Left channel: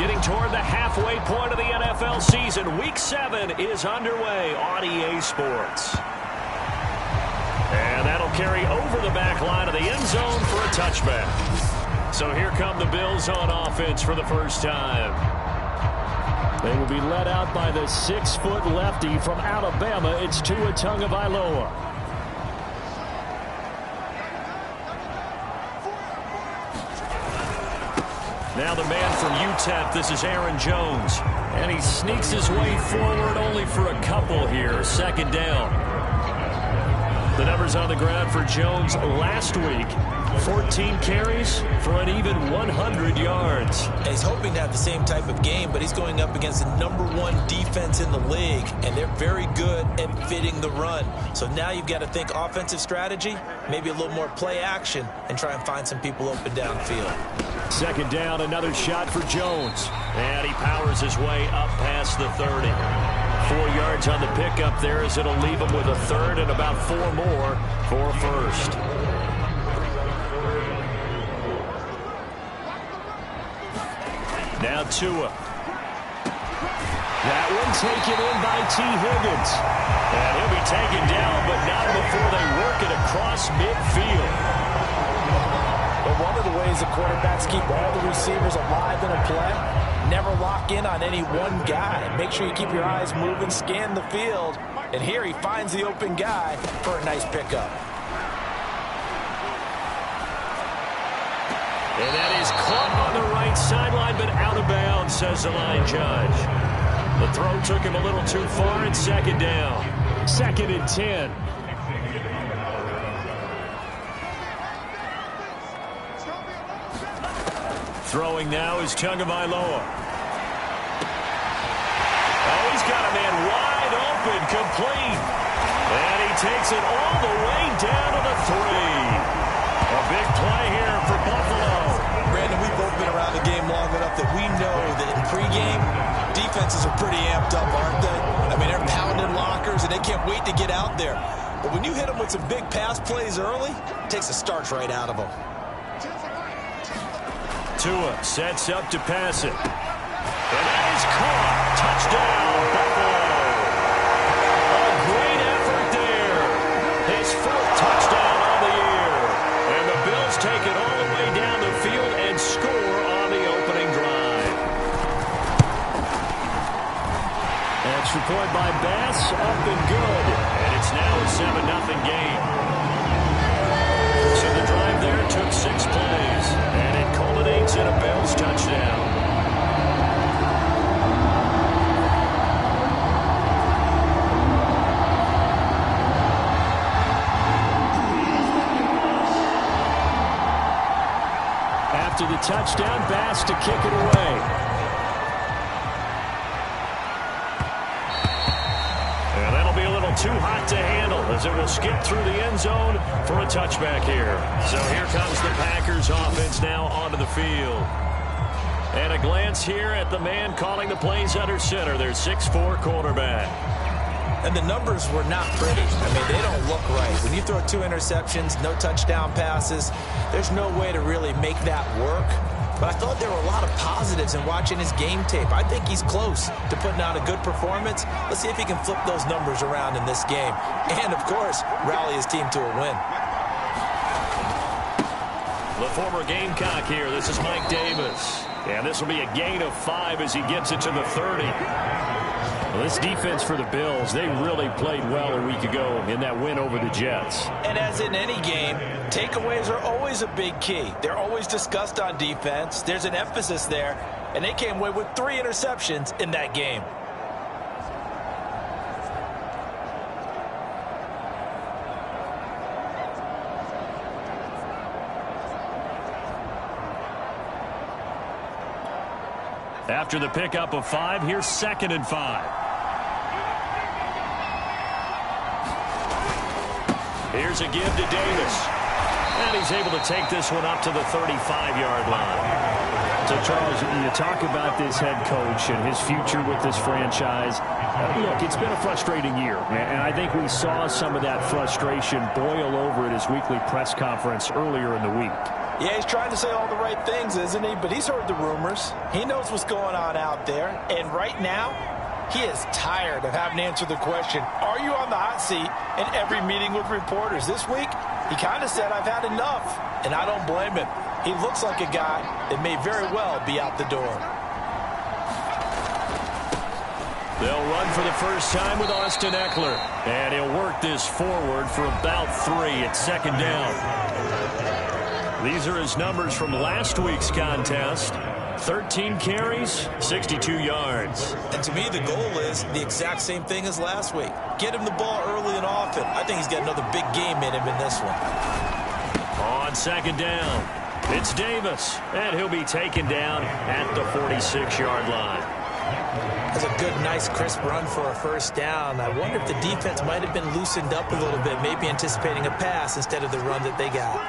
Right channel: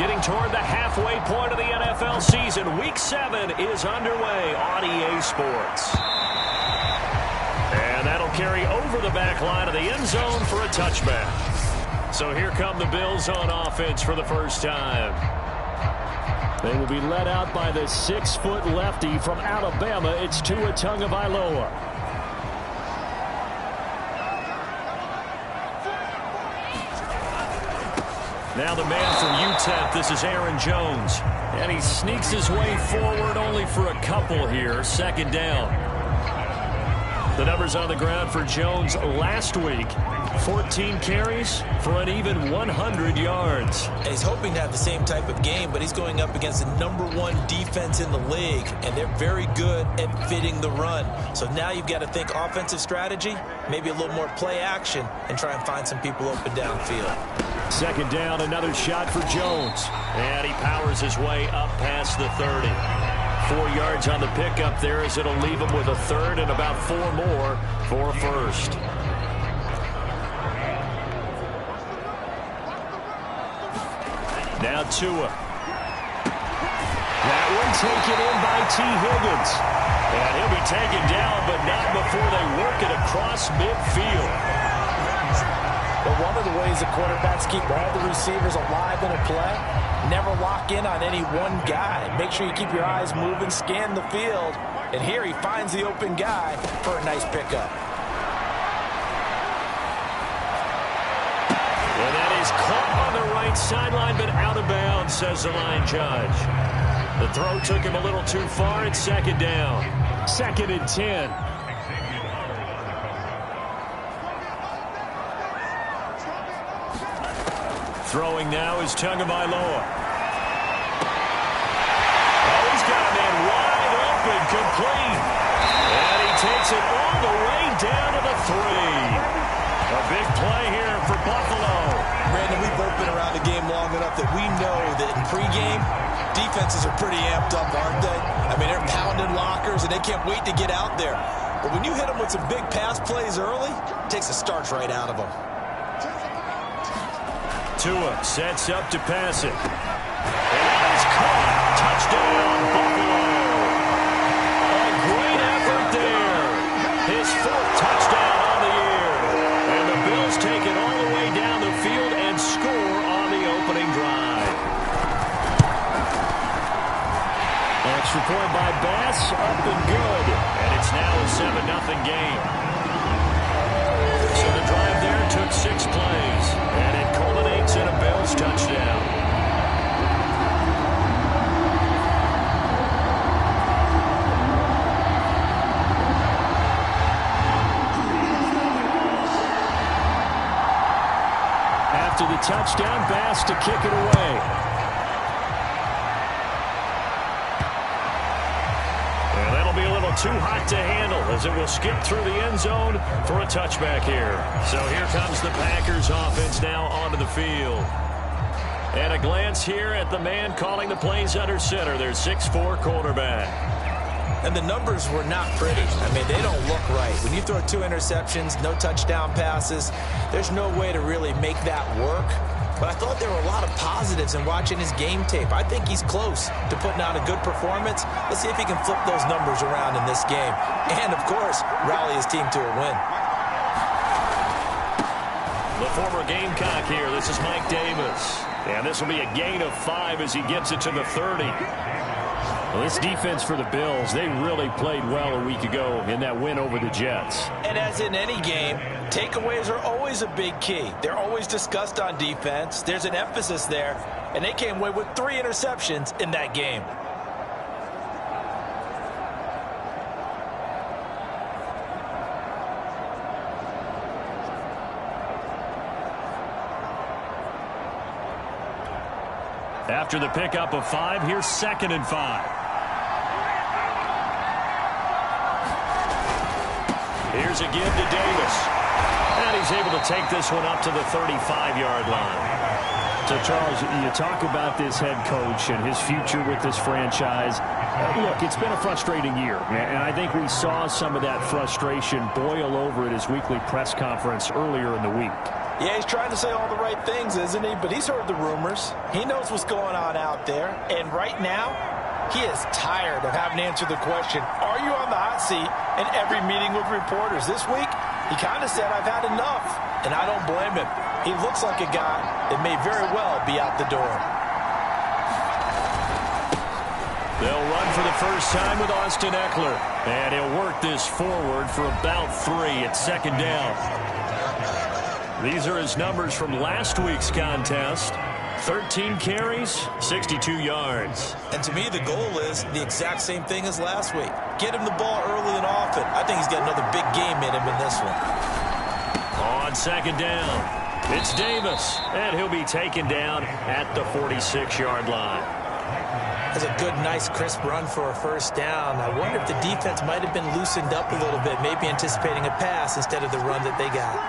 Getting toward the halfway point of the NFL season. Week 7 is underway on EA Sports. And that'll carry over the back line of the end zone for a touchback. So here come the Bills on offense for the first time. They will be led out by the 6-foot lefty from Alabama. It's Tua Tagovailoa. Now the man from UTEP, this is Aaron Jones. And he sneaks his way forward only for a couple here. Second down. The numbers on the ground for Jones last week. 14 carries for an even 100 yards. He's hoping to have the same type of game, but he's going up against the #1 defense in the league, and they're very good at fitting the run. So now you've got to think offensive strategy, maybe a little more play action, and try and find some people open downfield. Second down, another shot for Jones. And he powers his way up past the 30. 4 yards on the pickup there as it'll leave him with a third and about 4 more for a first. Now Tua. That one taken in by T. Higgins. And he'll be taken down, but not before they work it across midfield. But one of the ways that quarterbacks keep all the receivers alive in a play, never lock in on any one guy. Make sure you keep your eyes moving, scan the field. And here he finds the open guy for a nice pickup. And that is caught on the right sideline, but out of bounds, says the line judge. The throw took him a little too far. It's second down. 2nd and 10. Throwing now is Tagovailoa. Oh, he's got a man wide open, complete. And he takes it all the way down to the 3. A big play here for Buffalo. Brandon, we've both been around the game long enough that we know that in pregame, defenses are pretty amped up, aren't they? I mean, they're pounding lockers, and they can't wait to get out there. But when you hit them with some big pass plays early, it takes the starch right out of them. Tua sets up to pass it. And that is caught. Touchdown, Buffalo. A great effort there. His 4th touchdown on the year. And the Bills take it all the way down the field and score on the opening drive. Extra point by Bass, up and good. And it's now a 7-0 game. So the drive there took 6 plays, and it culminates in a Bills touchdown. After the touchdown, Bass to kick it away. And that'll be a little too hot to handle as it will skip through the end zone for a touchback here. So here comes the Packers offense now onto the field. And a glance here at the man calling the plays under center, their 6'4" quarterback. And the numbers were not pretty. I mean, they don't look right. When you throw 2 interceptions, no touchdown passes, there's no way to really make that work. But I thought there were a lot of positives in watching his game tape. I think he's close to putting out a good performance. Let's see if he can flip those numbers around in this game. And, of course, rally his team to a win. The former Gamecock here. This is Mike Davis. And this will be a gain of 5 as he gets it to the 30. Well, this defense for the Bills, they really played well a week ago in that win over the Jets. And as in any game, takeaways are always a big key. They're always discussed on defense. There's an emphasis there, and they came away with 3 interceptions in that game. After the pickup of 5, here's 2nd and 5. Here's a give to Davis. And he's able to take this one up to the 35-yard line. So, Charles, you talk about this head coach and his future with this franchise. Look, it's been a frustrating year, and I think we saw some of that frustration boil over at his weekly press conference earlier in the week. Yeah, he's trying to say all the right things, isn't he? But he's heard the rumors. He knows what's going on out there. And right now, he is tired of having to answer the question, are you on the hot seat in every meeting with reporters? This week, he kind of said, I've had enough. And I don't blame him. He looks like a guy that may very well be out the door. They'll run for the first time with Austin Eckler. And he'll work this forward for about 3 at second down. These are his numbers from last week's contest. 13 carries, 62 yards. And to me, the goal is the exact same thing as last week. Get him the ball early and often. I think he's got another big game in him in this one. On second down, it's Davis. And he'll be taken down at the 46-yard line. That's a good, nice, crisp run for a first down. I wonder if the defense might have been loosened up a little bit, maybe anticipating a pass instead of the run that they got.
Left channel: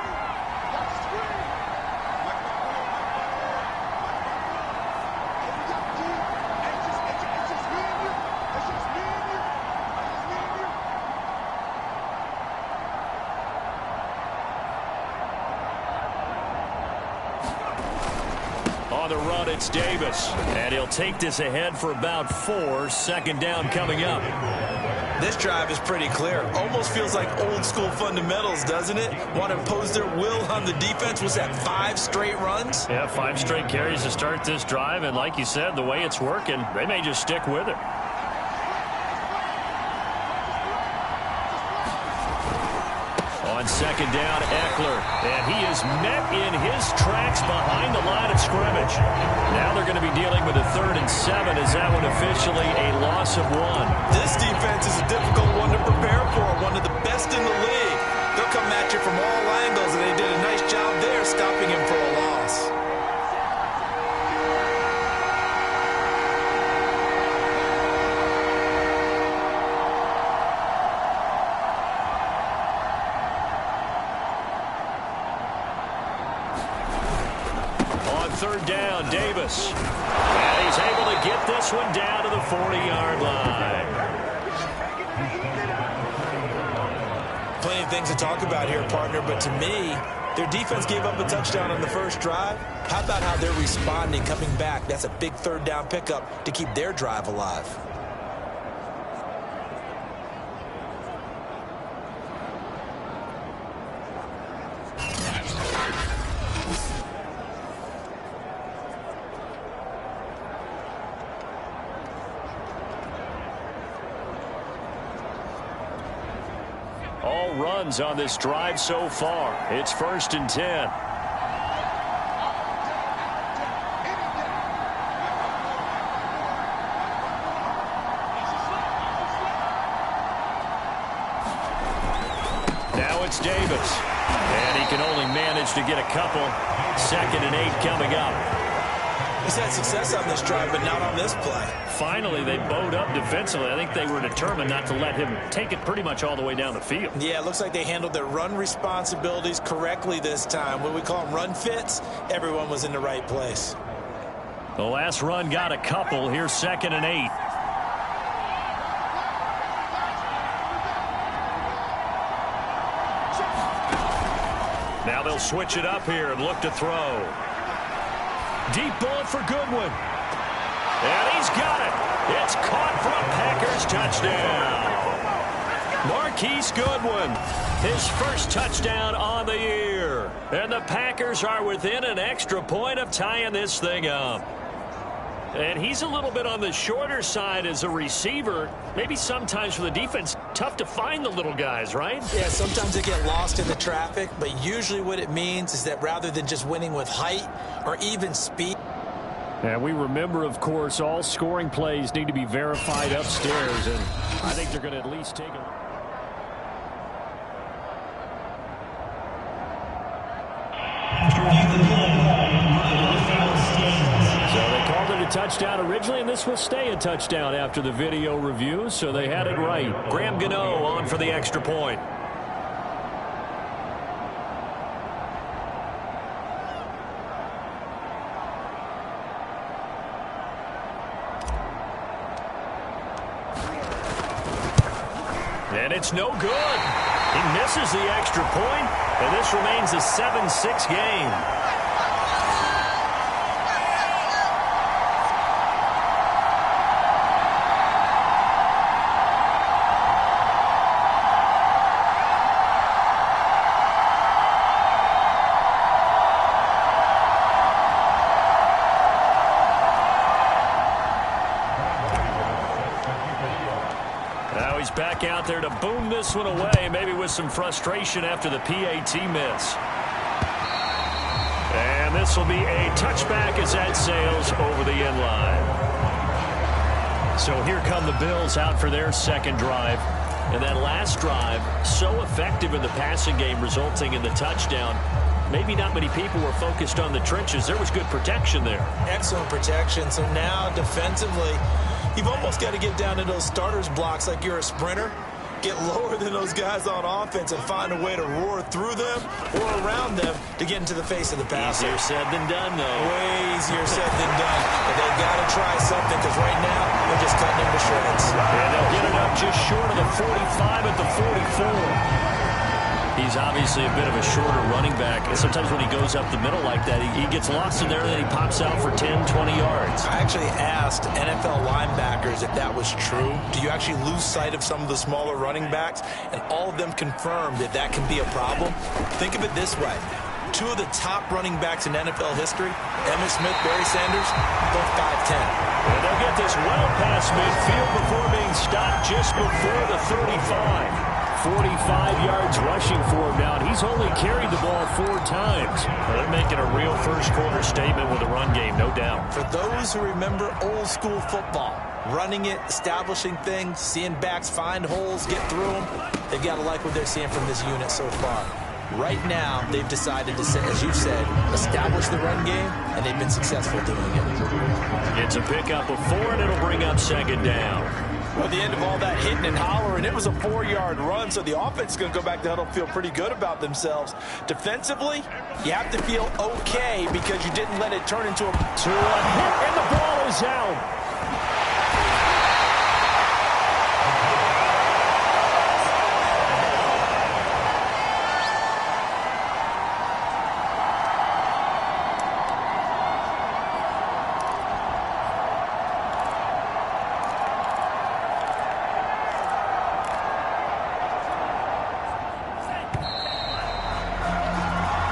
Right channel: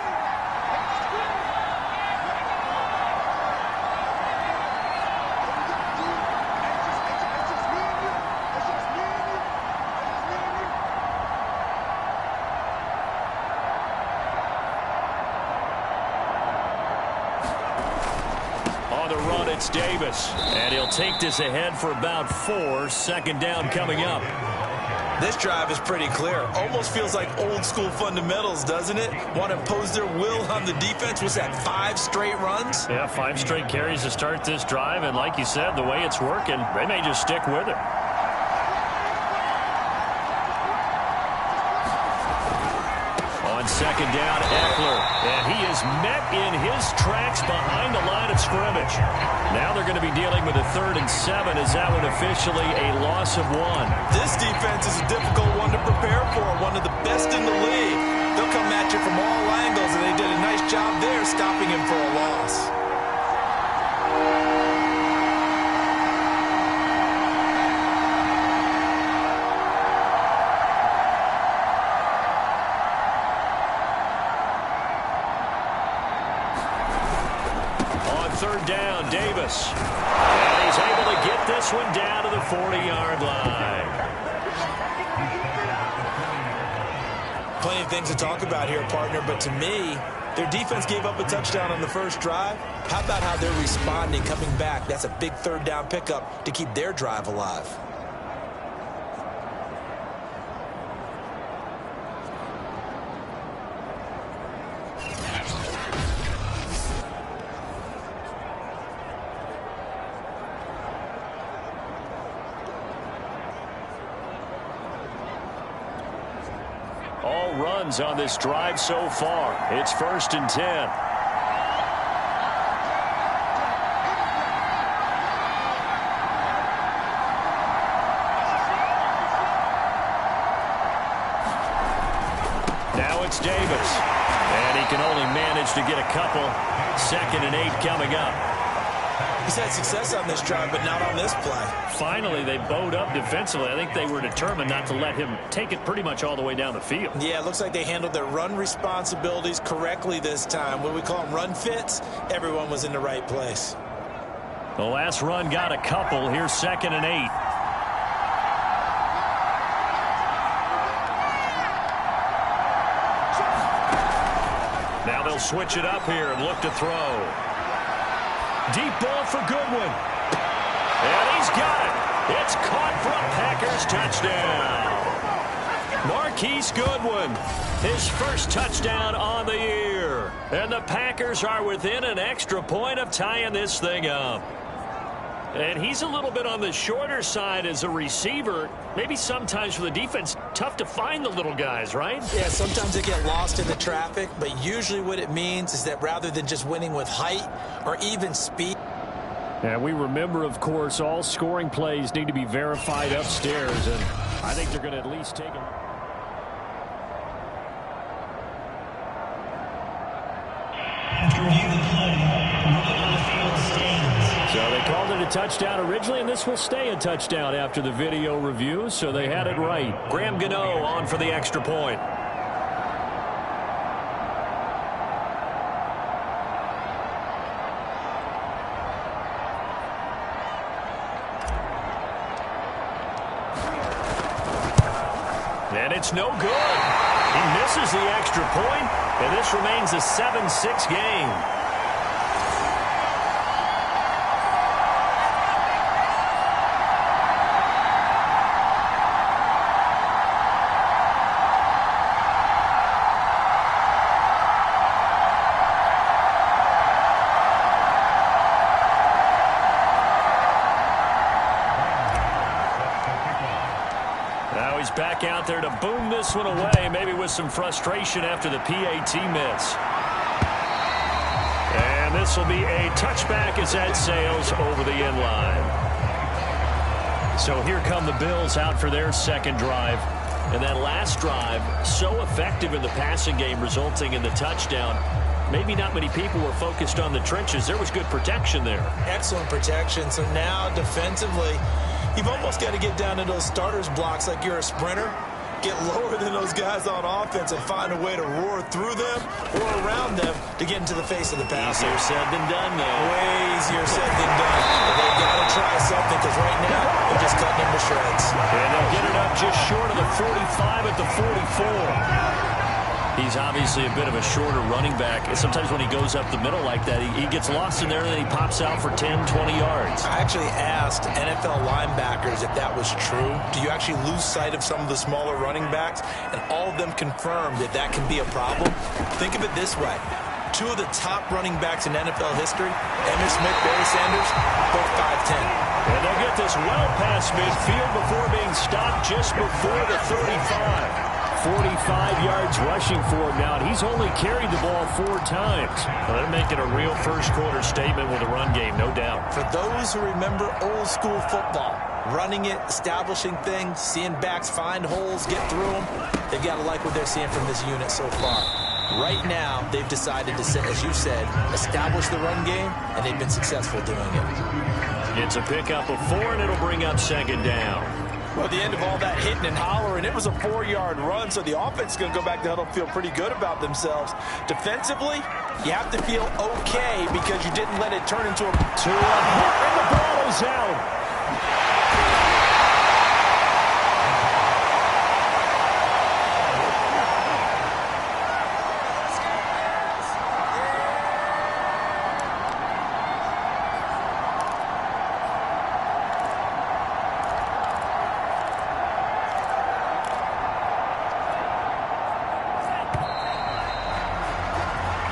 On the run, it's Davis. And he'll take this ahead for about 4. Second down coming up. This drive is pretty clear. Almost feels like old school fundamentals, doesn't it? Want to impose their will on the defense. Was that 5 straight runs? Yeah, 5 straight carries to start this drive. And like you said, the way it's working, they may just stick with it. On second down, Eckler. And he is met in his tracks behind the line of scrimmage. Now they're going to be dealing with a 3rd and 7. Is that one officially a loss of 1? This defense is a difficult one to prepare for. One of the best in the league. They'll come at you from all angles, and they did a nice job there stopping him for a loss. Third down, Davis. And he's able to get this one down to the 40-yard line. Plenty of things to talk about here, partner, but to me, their defense gave up a touchdown on the first drive. How about how they're responding, coming back? That's a big third down pickup to keep their drive alive. All runs on this drive so far. It's 1st and 10. Now it's Davis. And he can only manage to get a couple. 2nd and 8 coming up. He's had success on this drive, but not on this play. Finally, they bowed up defensively. I think they were determined not to let him take it pretty much all the way down the field. Yeah, it looks like they handled their run responsibilities correctly this time. When we call them run fits, everyone was in the right place. The last run got a couple. Here's 2nd and 8. Now they'll switch it up here and look to throw. Deep ball for Goodwin. And he's got it. It's caught for a Packers touchdown. Marquise Goodwin, his first touchdown on the year. And the Packers are within an extra point of tying this thing up. And he's a little bit on the shorter side as a receiver. Maybe sometimes for the defense, tough to find the little guys, right? Yeah, sometimes they get lost in the traffic, but usually what it means is that rather than just winning with height or even speed. And we remember, of course, all scoring plays need to be verified upstairs, and I think they're going to at least take a... After review the play, moving on the field stands. So they called it a touchdown originally, and this will stay a touchdown after the video review, so they had it right. Graham Gano on for the extra point. And it's no good. He misses the extra point, and this remains a 7-6 game. Now he's back out there to boom this one away, maybe with some frustration after the PAT miss. And this will be a touchback as that sails over the end line. So here come the Bills out for their second drive. And that last drive, so effective in the passing game, resulting in the touchdown. Maybe not many people were focused on the trenches. There was good protection there. Excellent protection. So now defensively, you've almost got to get down to those starters blocks like you're a sprinter. Get lower than those guys on offense and find a way to roar through them or around them to get into the face of the passer. Easier said than done, though. Way easier said than done. But they've got to try something because right now they're just cutting him to shreds. And they'll get it up just short of the 45 at the 44. He's obviously a bit of a shorter running back. And sometimes when he goes up the middle like that, he gets lost in there and then he pops out for 10, 20 yards. I actually asked NFL linebackers if that was true. Do you actually lose sight of some of the smaller running backs? And all of them confirmed that that can be a problem. Think of it this way. Two of the top running backs in NFL history, Emmitt Smith, Barry Sanders, both 5'10". And they'll get this well past midfield before being stopped just before the 35. 45 yards rushing for him now, and he's only carried the ball 4 times. Well, they're making a real first-quarter statement with the run game, no doubt. For those who remember old-school football, running it, establishing things, seeing backs find holes, get through them, they've got to like what they're seeing from this unit so far. Right now, they've decided to, as you said, establish the run game, and they've been successful doing it. It's a pickup of 4, and it'll bring up second down. Well, at the end of all that hitting and hollering, it was a 4-yard run, so the offense is going to go back to huddle, feel pretty good about themselves. Defensively, you have to feel okay because you didn't let it turn into a hit, and the ball is out.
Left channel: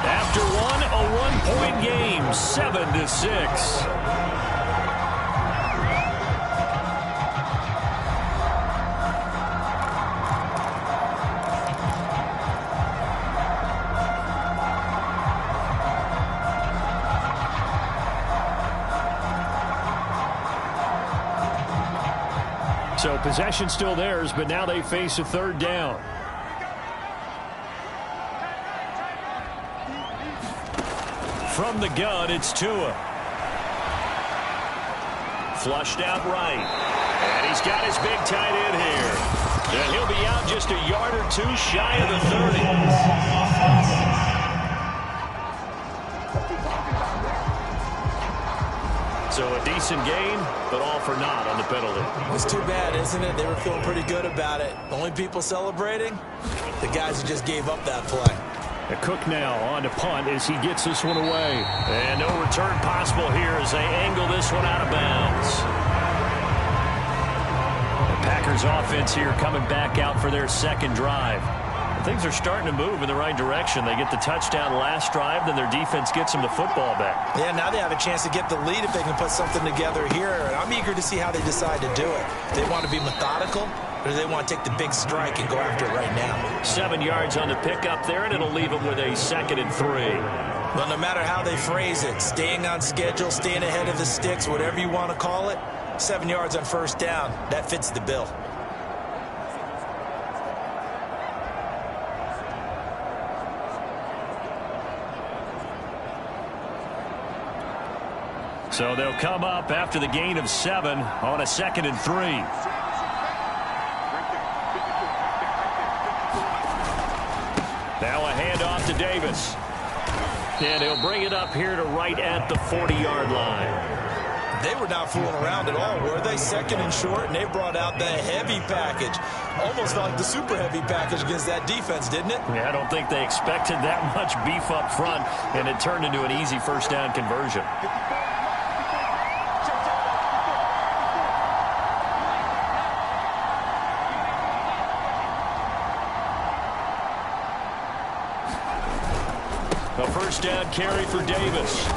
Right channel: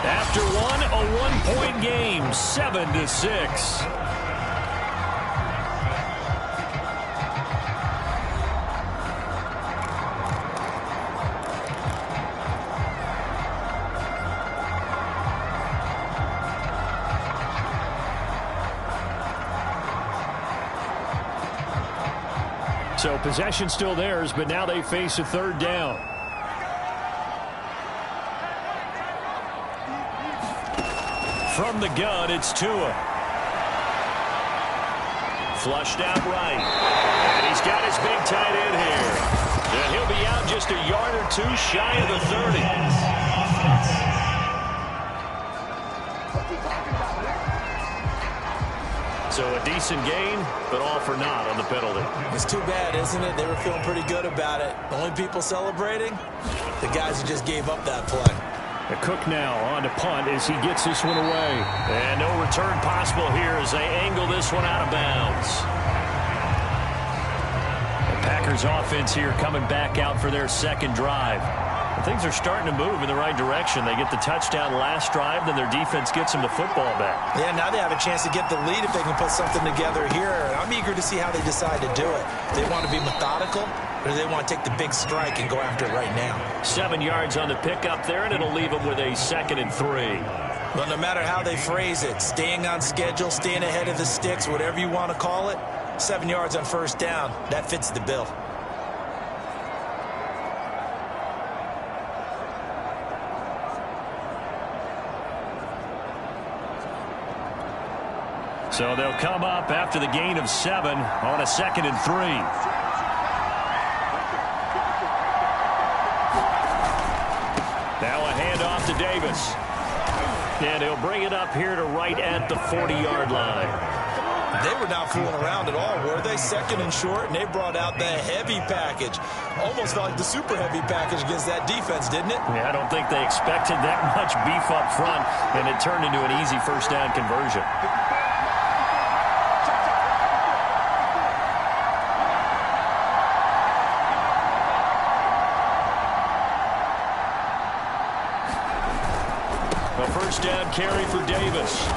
After one, a one-point game, 7-6. So possession still theirs, but now they face a third down. From the gun, it's Tua. Flushed out right. And he's got his big tight end here. And he'll be out just a yard or 2 shy of the 30. So a decent gain, but all for naught on the penalty. It's too bad, isn't it? They were feeling pretty good about it. The only people celebrating, the guys who just gave up that play. Cook now on to punt as he gets this one away. And no return possible here as they angle this one out of bounds. The Packers offense here coming back out for their second drive. And things are starting to move in the right direction. They get the touchdown last drive, then their defense gets them the football back. Yeah, now they have a chance to get the lead if they can put something together here. And I'm eager to see how they decide to do it. They want to be methodical, or do they want to take the big strike and go after it right now? 7 yards on the pickup there, and it'll leave them with a 2nd and 3. Well, no matter how they phrase it, staying on schedule, staying ahead of the sticks, whatever you want to call it, 7 yards on first down, that fits the bill. So they'll come up after the gain of 7 on a 2nd and 3. Now a handoff to Davis. And he'll bring it up here to right at the 40-yard line. They were not fooling around at all, were they? Second and short, and they brought out the heavy package. Almost felt like the super heavy package against that defense, didn't it? Yeah, I don't think they expected that much beef up front, and it turned into an easy first down conversion. A first down carry for Davis.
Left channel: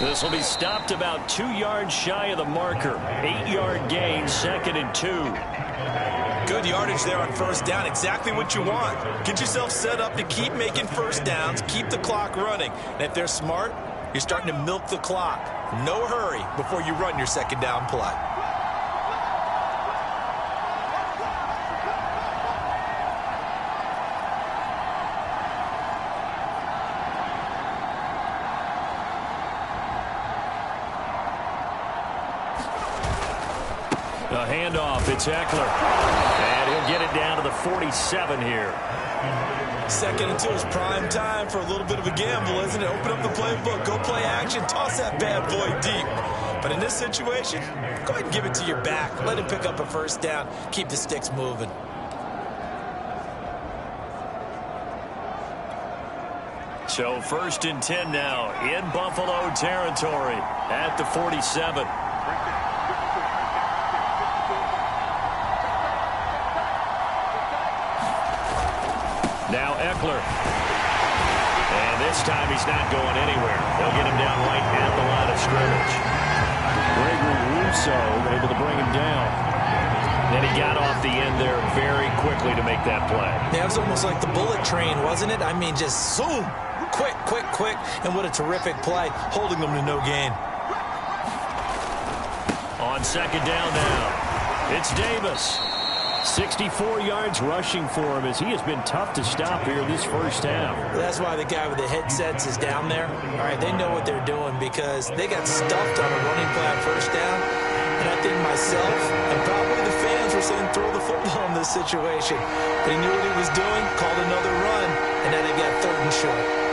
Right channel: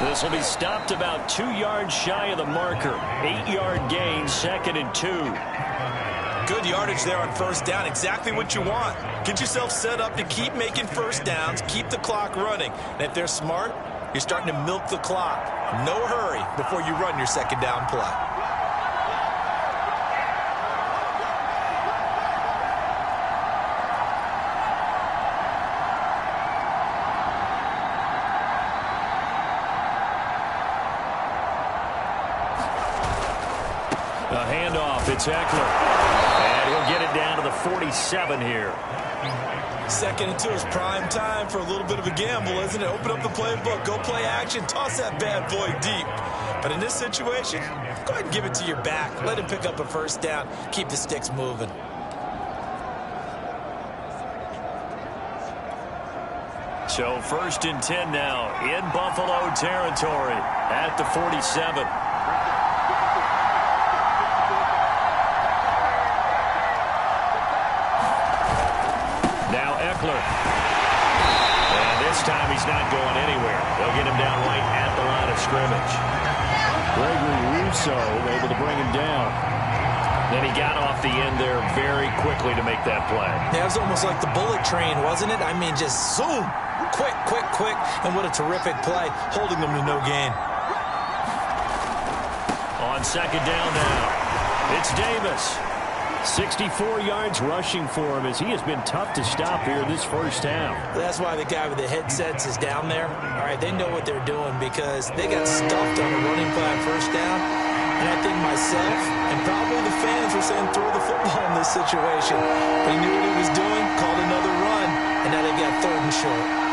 This will be stopped about 2 yards shy of the marker. 8-yard gain, 2nd and 2. Good yardage there on first down. Exactly what you want. Get yourself set up to keep making first downs, keep the clock running. And if they're smart, you're starting to milk the clock. No hurry before you run your second down play. A handoff, it's Eckler. And he'll get it down to the 47 here. 2nd and 2 is prime time for a little bit of a gamble, isn't it? Open up the playbook, go play action, toss that bad boy deep. But in this situation, go ahead and give it to your back. Let him pick up a first down. Keep the sticks moving. So 1st and 10 now in Buffalo territory at the 47. Now Eckler. And this time he's not going anywhere. They'll get him down right at the line of scrimmage. Gregory Rousseau able to bring him down. Then he got off the end there very quickly to make that play. Yeah, it was almost like the bullet train, wasn't it? I mean, just zoom. Quick, quick, quick. And what a terrific play, holding them to no gain. On 2nd down now, it's Davis. 64 yards rushing for him as he has been tough to stop here this first half. That's why the guy with the headsets is down there. All right, they know what they're doing because they got stuffed on a running play on first down. And I think myself and probably the fans were saying throw the football in this situation. But he knew what he was doing, called another run, and now they've got 3rd and short.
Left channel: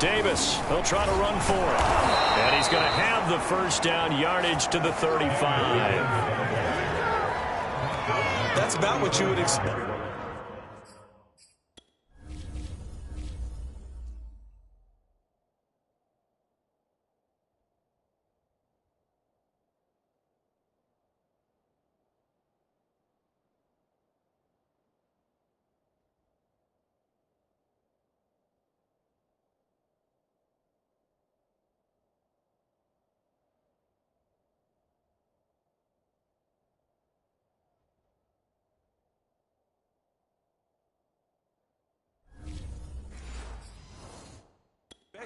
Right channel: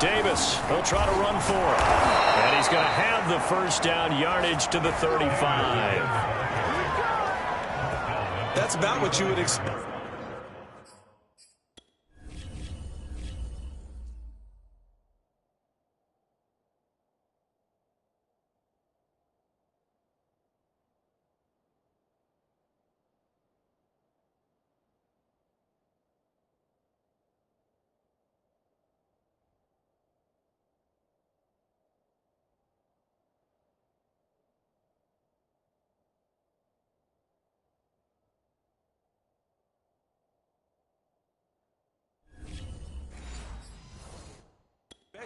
Davis, he'll try to run for it. And he's going to have the first down, yardage to the 35. That's about what you would expect.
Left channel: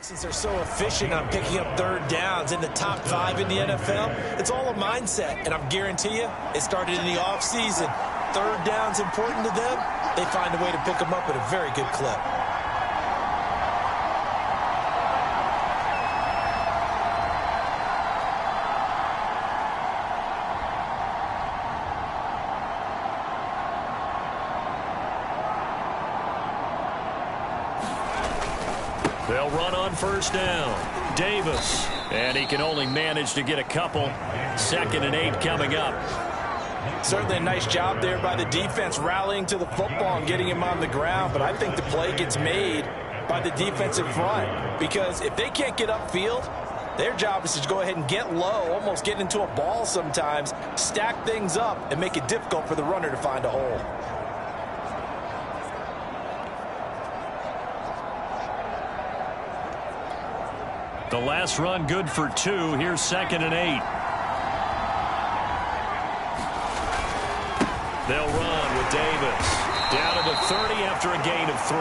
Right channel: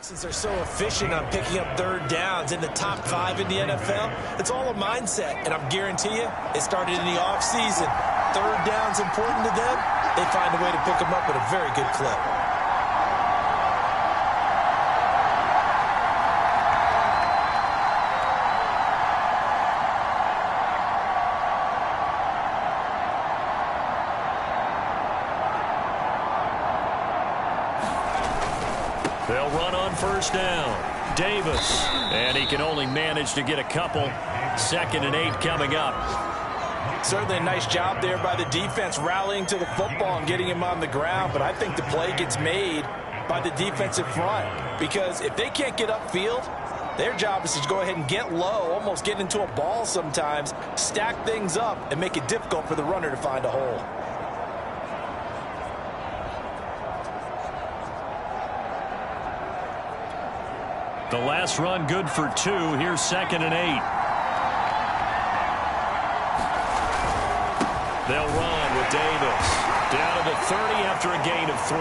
Since they're so efficient on picking up 3rd downs in the top 5 in the NFL, it's all a mindset, and I'm guarantee you it started in the offseason. 3rd down's important to them. They find a way to pick them up at a very good clip. They'll run on first down. Davis. And he can only manage to get a couple. 2nd and 8 coming up. Certainly a nice job there by the defense rallying to the football and getting him on the ground. But I think the play gets made by the defensive front. Because if they can't get upfield, their job is to go ahead and get low, almost get into a ball sometimes, stack things up, and make it difficult for the runner to find a hole. The last run good for 2. Here's 2nd and 8. They'll run with Davis. Down to the 30 after a gain of 3.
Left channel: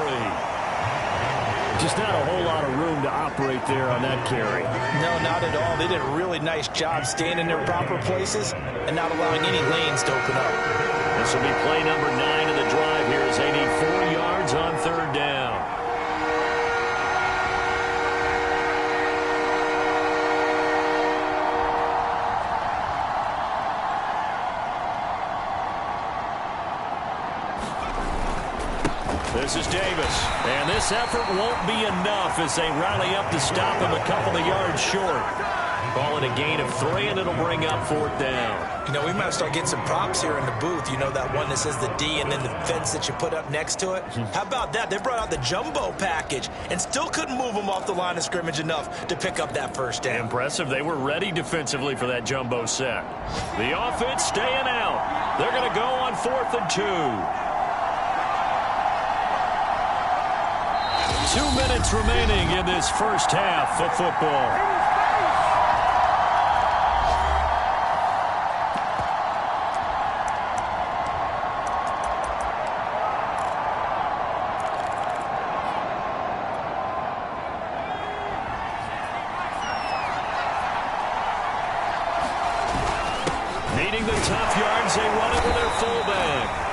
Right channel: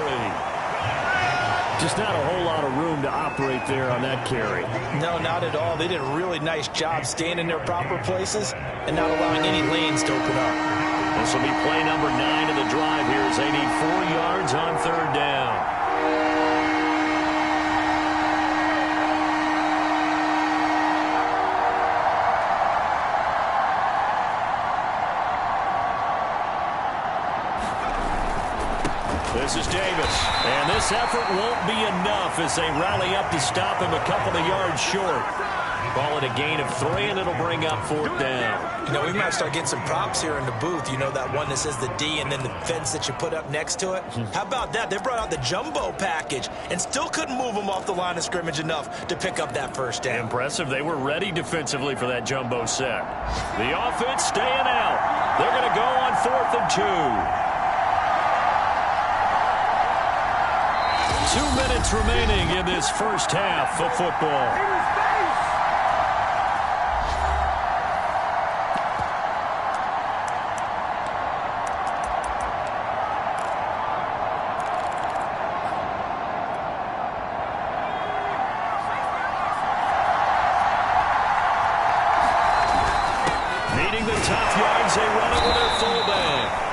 Just not a whole lot of room to operate there on that carry. No, not at all. They did a really nice job staying in their proper places and not allowing any lanes to open up. This will be play number 9 of the drive here as they need 4 yards on 3rd down. This is Davis. And this effort won't be enough as they rally up to stop him a couple of yards short. Call it a gain of 3, and it'll bring up 4th down. You know, we might start getting some props here in the booth. You know, that one that says the D and then the fence that you put up next to it? How about that? They brought out the jumbo package and still couldn't move them off the line of scrimmage enough to pick up that first down. Impressive. They were ready defensively for that jumbo set. The offense staying out. They're going to go on 4th and 2. 2 minutes remaining in this first half of football. Needing the tough yards, they run it with their fullback.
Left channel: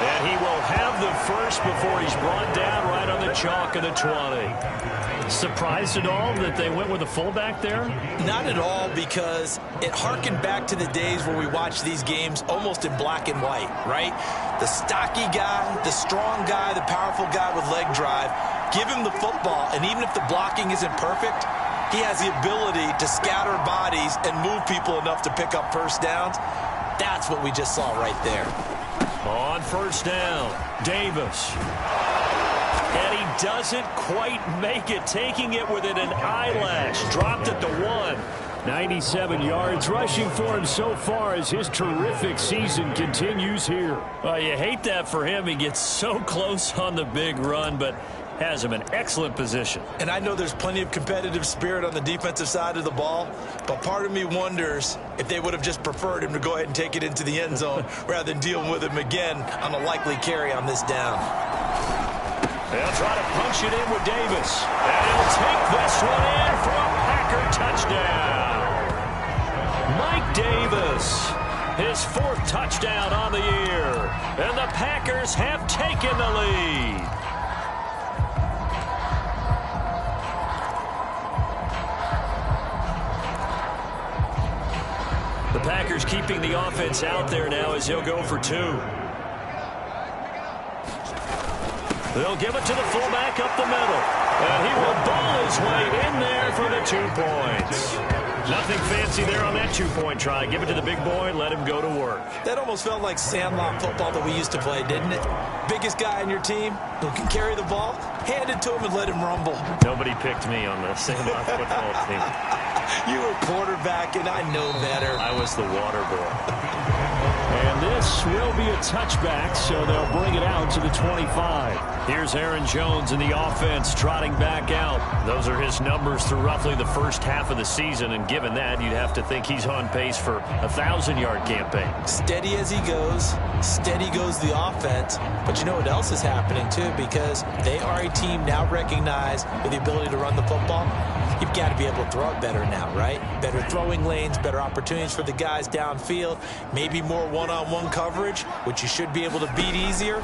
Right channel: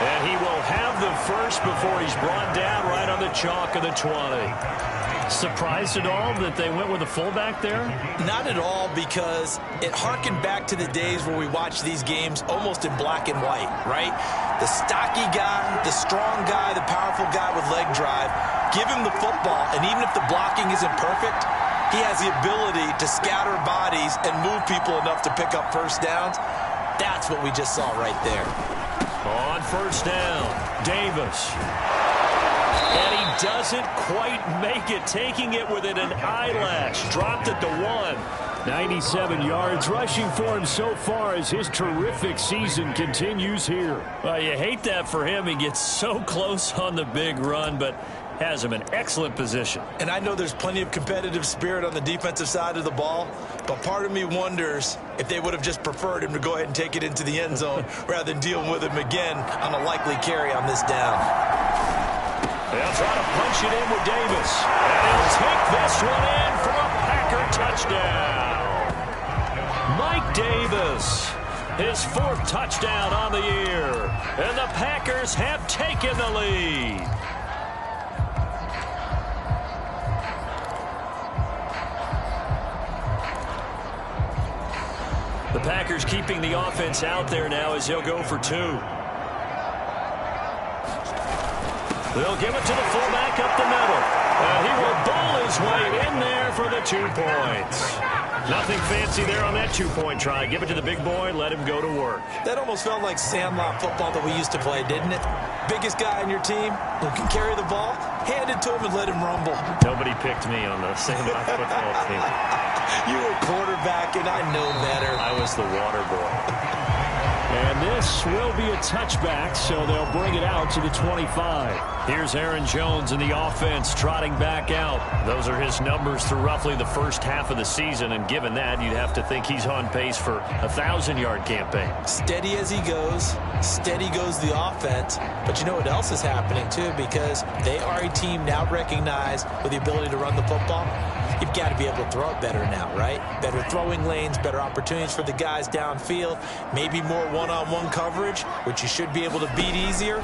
And he will have the first before he's brought down right on the chalk of the 20. Surprised at all that they went with a fullback there? Not at all, because it harkened back to the days where we watched these games almost in black and white, right? The stocky guy, the strong guy, the powerful guy with leg drive. Give him the football, and even if the blocking isn't perfect, he has the ability to scatter bodies and move people enough to pick up first downs. That's what we just saw right there. On first down, Davis. And he doesn't quite make it, taking it within an eyelash. Dropped at the 1. 97 yards rushing for him so far as his terrific season continues here. You hate that for him. He gets so close on the big run, but has him in excellent position. And I know there's plenty of competitive spirit on the defensive side of the ball, but part of me wonders if they would have just preferred him to go ahead and take it into the end zone rather than deal with him again on a likely carry on this down. They'll try to punch it in with Davis. And he'll take this one in for a Packer touchdown. Mike Davis, his 4th touchdown on the year. And the Packers have taken the lead. The Packers keeping the offense out there now as he'll go for 2. They'll give it to the fullback up the middle. And he will bowl his way in there for the 2 points. Nothing fancy there on that 2-point try. Give it to the big boy, let him go to work. That almost felt like sandlot football that we used to play, didn't it? Biggest guy on your team who can carry the ball, hand it to him and let him rumble. Nobody picked me on the sandlot football team. You were quarterback, and I know better. I was the water boy. And this will be a touchback, so they'll bring it out to the 25. Here's Aaron Jones in the offense trotting back out. Those are his numbers through roughly the first half of the season, and given that, you'd have to think he's on pace for a 1,000-yard campaign. Steady as he goes, steady goes the offense. But you know what else is happening, too, because they are a team now recognized with the ability to run the football. You've got to be able to throw it better now, right? Better throwing lanes, better opportunities for the guys downfield, maybe more one-on-one coverage, which you should be able to beat easier.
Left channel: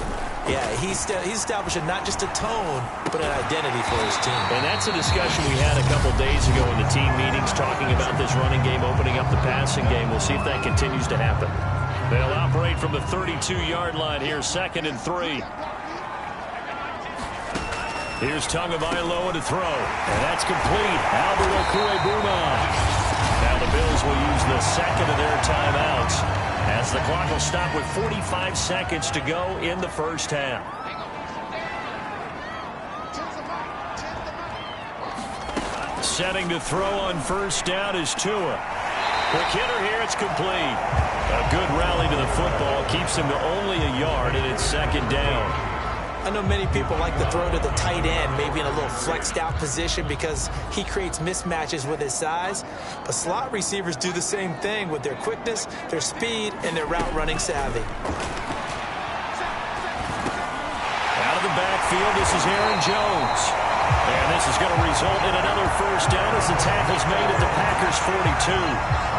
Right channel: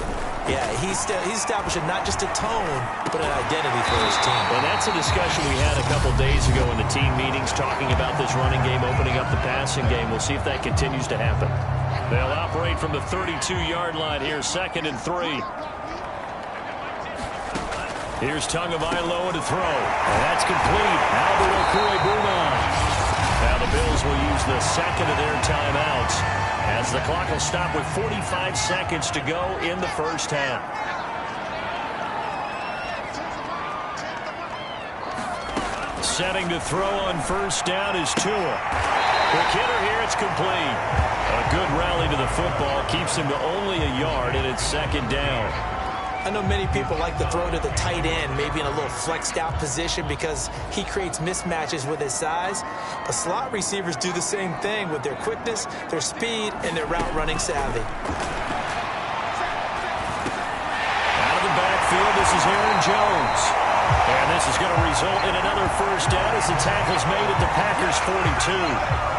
Yeah, he's establishing not just a tone, but an identity for his team. And that's a discussion we had a couple days ago in the team meetings, talking about this running game, opening up the passing game. We'll see if that continues to happen. They'll operate from the 32-yard line here, 2nd and 3. Here's Tagovailoa to throw, and that's complete. Albert Okwuegbunam. Now the Bills will use the 2nd of their timeouts as the clock will stop with 45 seconds to go in the first half. Setting to throw on first down is Tua. Quick hitter here, it's complete. A good rally to the football keeps him to only a yard, and it's 2nd down. I know many people like to throw to the tight end, maybe in a little flexed out position because he creates mismatches with his size. But slot receivers do the same thing with their quickness, their speed, and their route running savvy. Out of the backfield, this is Aaron Jones. And this is going to result in another first down as the tackle's made at the Packers' 42.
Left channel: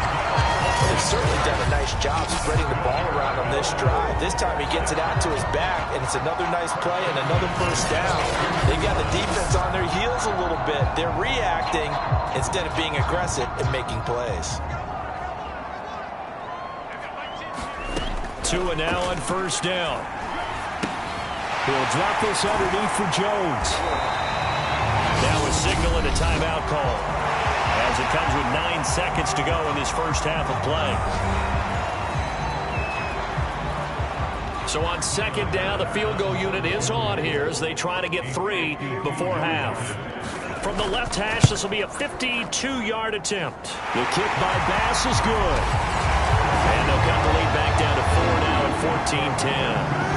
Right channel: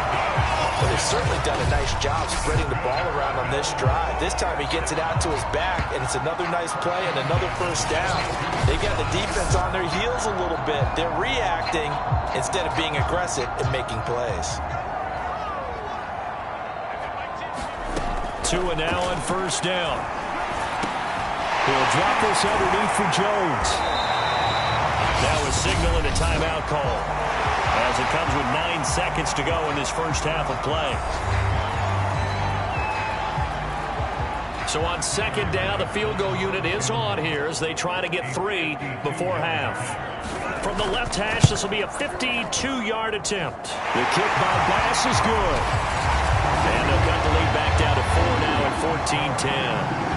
But they've certainly done a nice job spreading the ball around on this drive. This time he gets it out to his back, and it's another nice play and another first down. They've got the defense on their heels a little bit. They're reacting instead of being aggressive and making plays. Tua now on first down. He'll drop this underneath for Jones. Now a signal and a timeout call, as it comes with 9 seconds to go in this first half of play. So on second down, the field goal unit is on here as they try to get 3 before half. From the left hash, this will be a 52-yard attempt. The kick by Bass is good. And they'll cut the lead back down to 4 now at 14-10.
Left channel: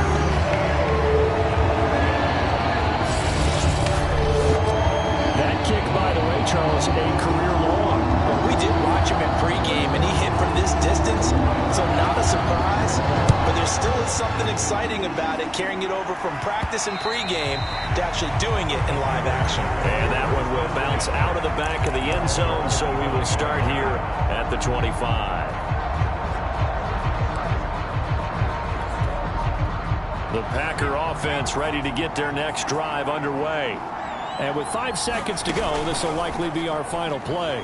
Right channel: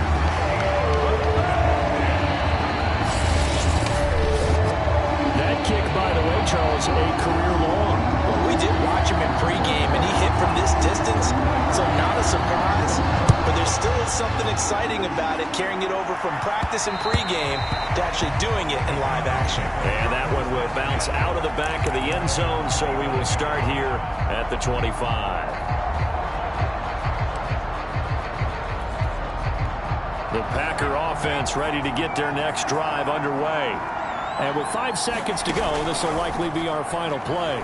That kick, by the way, Charles, a career long. Well, we did watch him in pregame, and he hit from this distance, so not a surprise. But there still is something exciting about it, carrying it over from practice and pregame to actually doing it in live action. And that one will bounce out of the back of the end zone, so we will start here at the 25. The Packer offense ready to get their next drive underway. And with 5 seconds to go, this will likely be our final play.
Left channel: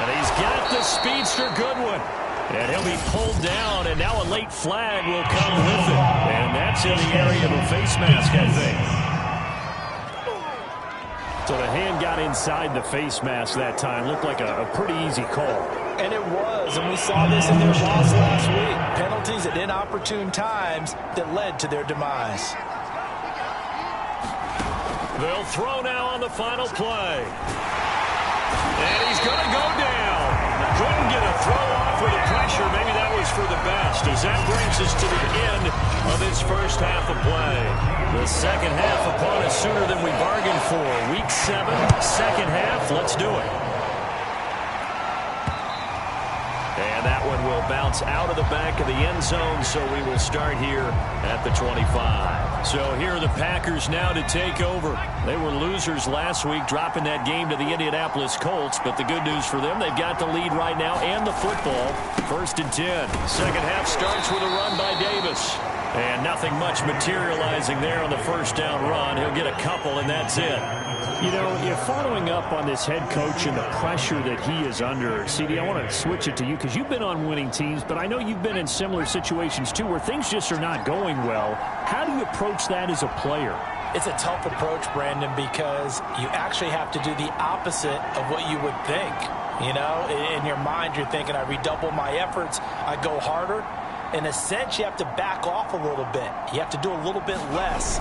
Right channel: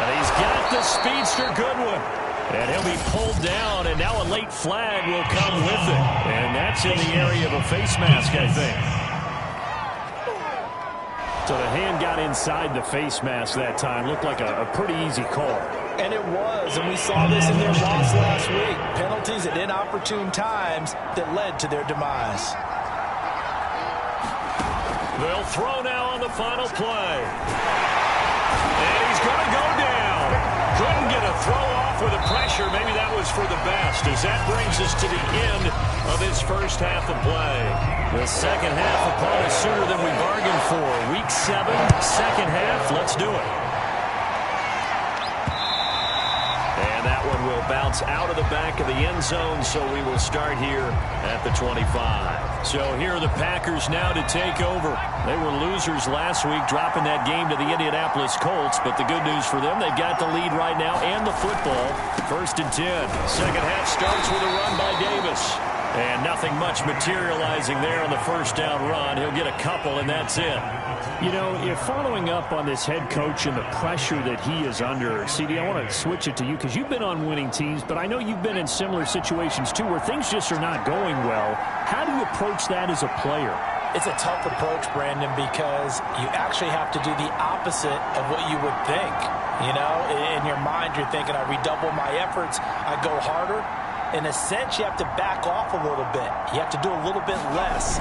And he's got the speedster Goodwin. And he'll be pulled down, and now a late flag will come with it. And that's in the area of a face mask, I think. So the hand got inside the face mask that time. Looked like a pretty easy call. And it was, and we saw this in their loss last week. Penalties at inopportune times that led to their demise. They'll throw now on the final play. And he's going to go down. Couldn't get a throw off with the pressure. Maybe that was for the best, as that brings us to the end of this first half of play. The second half upon us sooner than we bargained for. Week 7, second half. Let's do it. And that one will bounce out of the back of the end zone, so we will start here at the 25. So here are the Packers now to take over. They were losers last week, dropping that game to the Indianapolis Colts, but the good news for them, they've got the lead right now and the football. 1st and 10. Second half starts with a run by Davis. And nothing much materializing there on the first down run. He'll get a couple, and that's it. You know, if following up on this head coach and the pressure that he is under, CD, I want to switch it to you because you've been on winning teams, but I know you've been in similar situations too where things just are not going well. How do you approach that as a player? It's a tough approach, Brandon, because you actually have to do the opposite of what you would think. You know, in your mind, you're thinking, I redouble my efforts, I go harder. In a sense, you have to back off a little bit. You have to do a little bit less.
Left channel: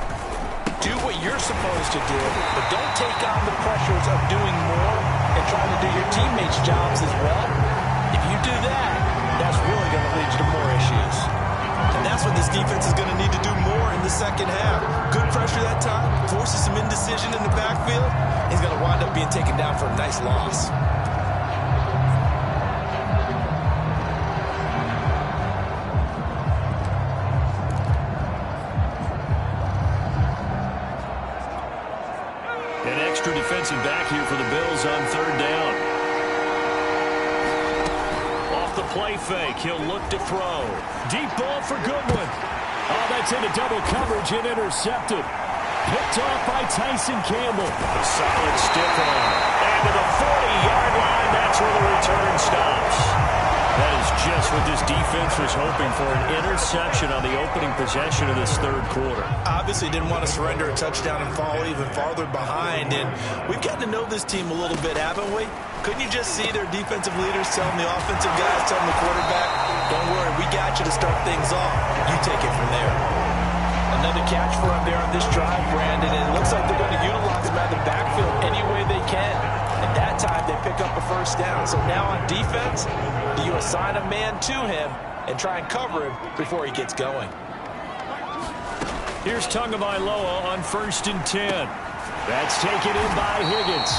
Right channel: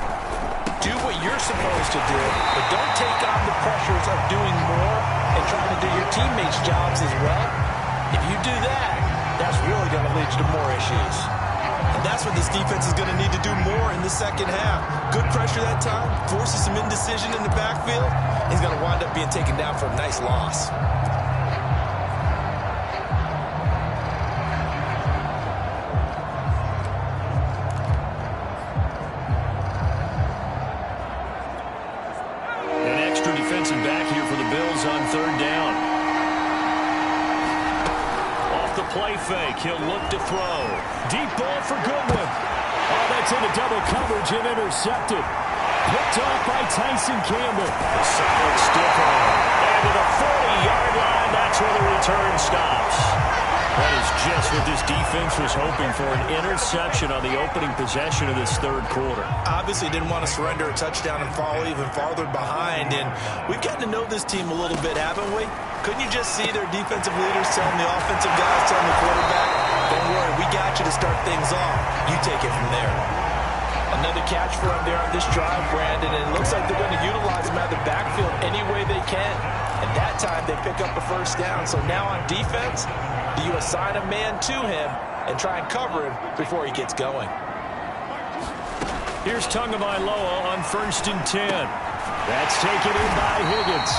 Do what you're supposed to do, but don't take on the pressures of doing more and trying to do your teammates' jobs as well. If you do that, that's really going to lead you to more issues. And that's what this defense is going to need to do more in the second half. Good pressure that time, forces some indecision in the backfield. He's going to wind up being taken down for a nice loss. An extra defensive back here for the Bills on 3rd down. Off the play fake, he'll look to throw. Deep ball for Goodwin. Oh, that's into double coverage and intercepted. Picked off by Tyson Campbell. A solid stiff arm. And to the 40-yard line, that's where the return stops. That is just what this defense was hoping for, an interception on the opening possession of this 3rd quarter. Obviously didn't want to surrender a touchdown and fall even farther behind, and we've gotten to know this team a little bit, haven't we? Couldn't you just see their defensive leaders telling the offensive guys, telling the quarterback, don't worry, we got you to start things off. You take it from there. Another catch for him there on this drive, Brandon, and it looks like they're going to utilize him out of the backfield any way they can. And that time they pick up a first down. So now on defense, do you assign a man to him and try and cover him before he gets going? Here's Tagovailoa on 1st and 10. That's taken in by Higgins.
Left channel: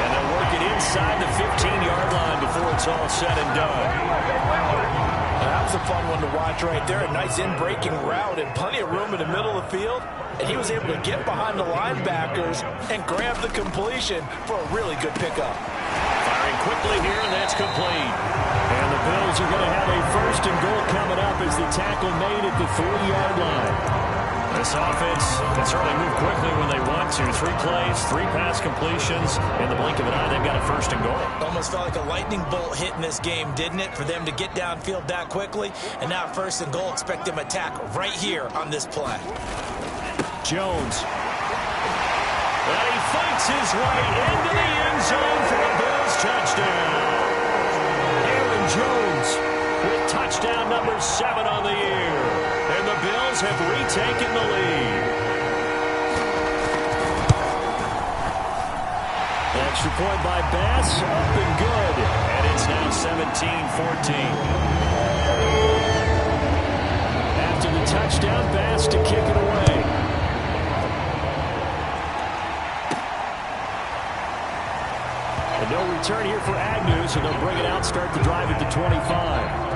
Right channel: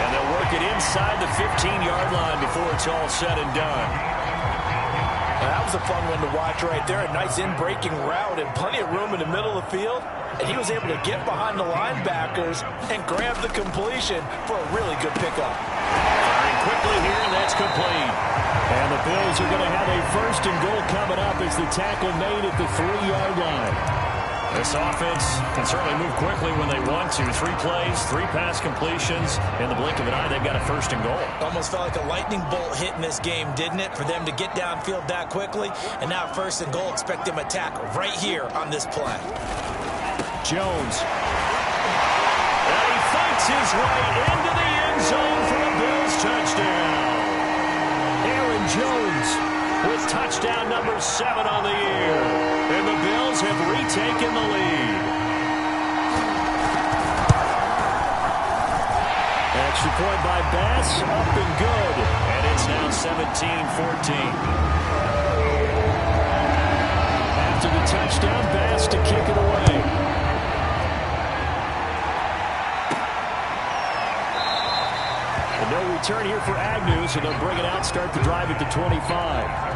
And they'll work it inside the 15-yard line before it's all said and done. Well, that was a fun one to watch right there. A nice in-breaking route and plenty of room in the middle of the field. And he was able to get behind the linebackers and grab the completion for a really good pickup. Firing quickly here, and that's complete. And the Bills are going to have a 1st and goal coming up as the tackle made at the 3-yard line. This offense can certainly move quickly when they want to. 3 plays, 3 pass completions. In the blink of an eye, they've got a 1st and goal. Almost felt like a lightning bolt hit in this game, didn't it? For them to get downfield that quickly. And now 1st and goal, expect them to attack right here on this play. Jones. And he fights his way into the end zone for a Bills touchdown. Aaron Jones with touchdown number 7 on the year. And the Bills have retaken the lead. Extra point by Bass, up and good. And it's now 17-14. After the touchdown, Bass to kick it away. And no return here for Agnew, so they'll bring it out, start the drive at the 25.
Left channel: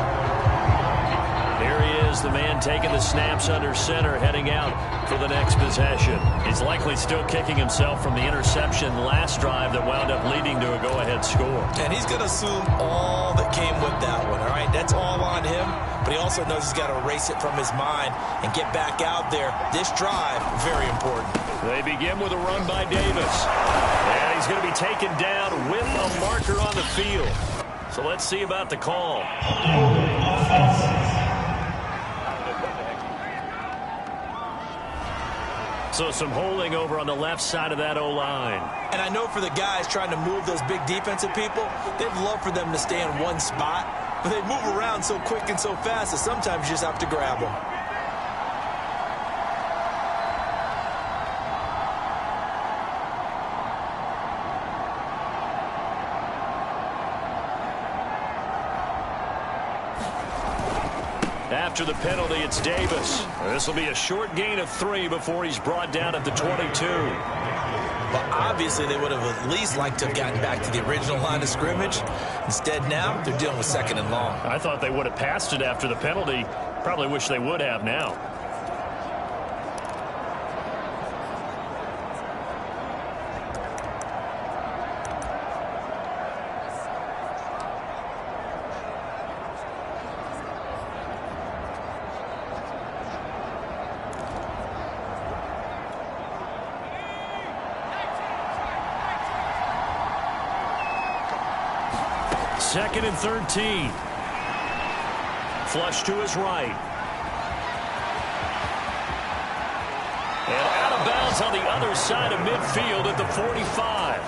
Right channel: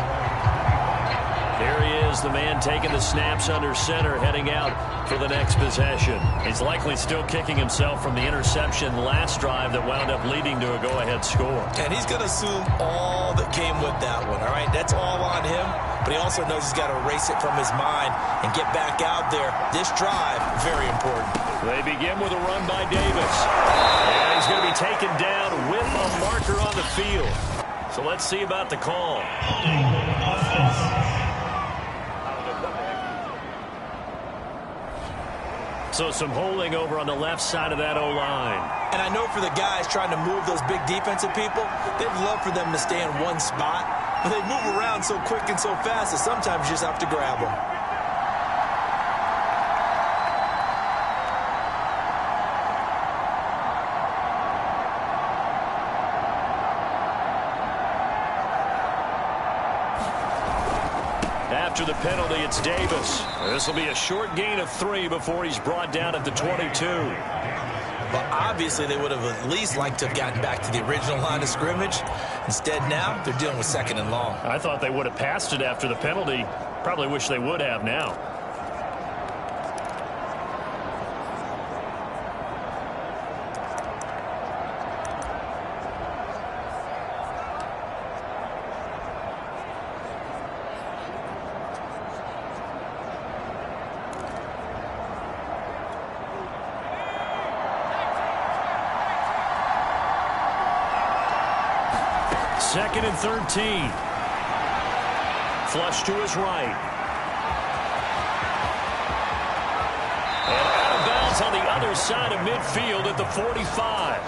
Here he is, the man taking the snaps under center, heading out for the next possession. He's likely still kicking himself from the interception last drive that wound up leading to a go-ahead score. And he's going to assume all that came with that one, all right? That's all on him, but he also knows he's got to erase it from his mind and get back out there. This drive, very important. They begin with a run by Davis. And he's going to be taken down with a marker on the field. So let's see about the call. So some holding over on the left side of that O-line. And I know for the guys trying to move those big defensive people, they'd love for them to stay in one spot. But they move around so quick and so fast that sometimes you just have to grab them. After the penalty, it's Davis. This will be a short gain of 3 before he's brought down at the 22. But obviously they would have at least liked to have gotten back to the original line of scrimmage. Instead now, they're dealing with 2nd and long. I thought they would have passed it after the penalty. Probably wish they would have now. Second and 13. Flush to his right. And out of bounds on the other side of midfield at the 45.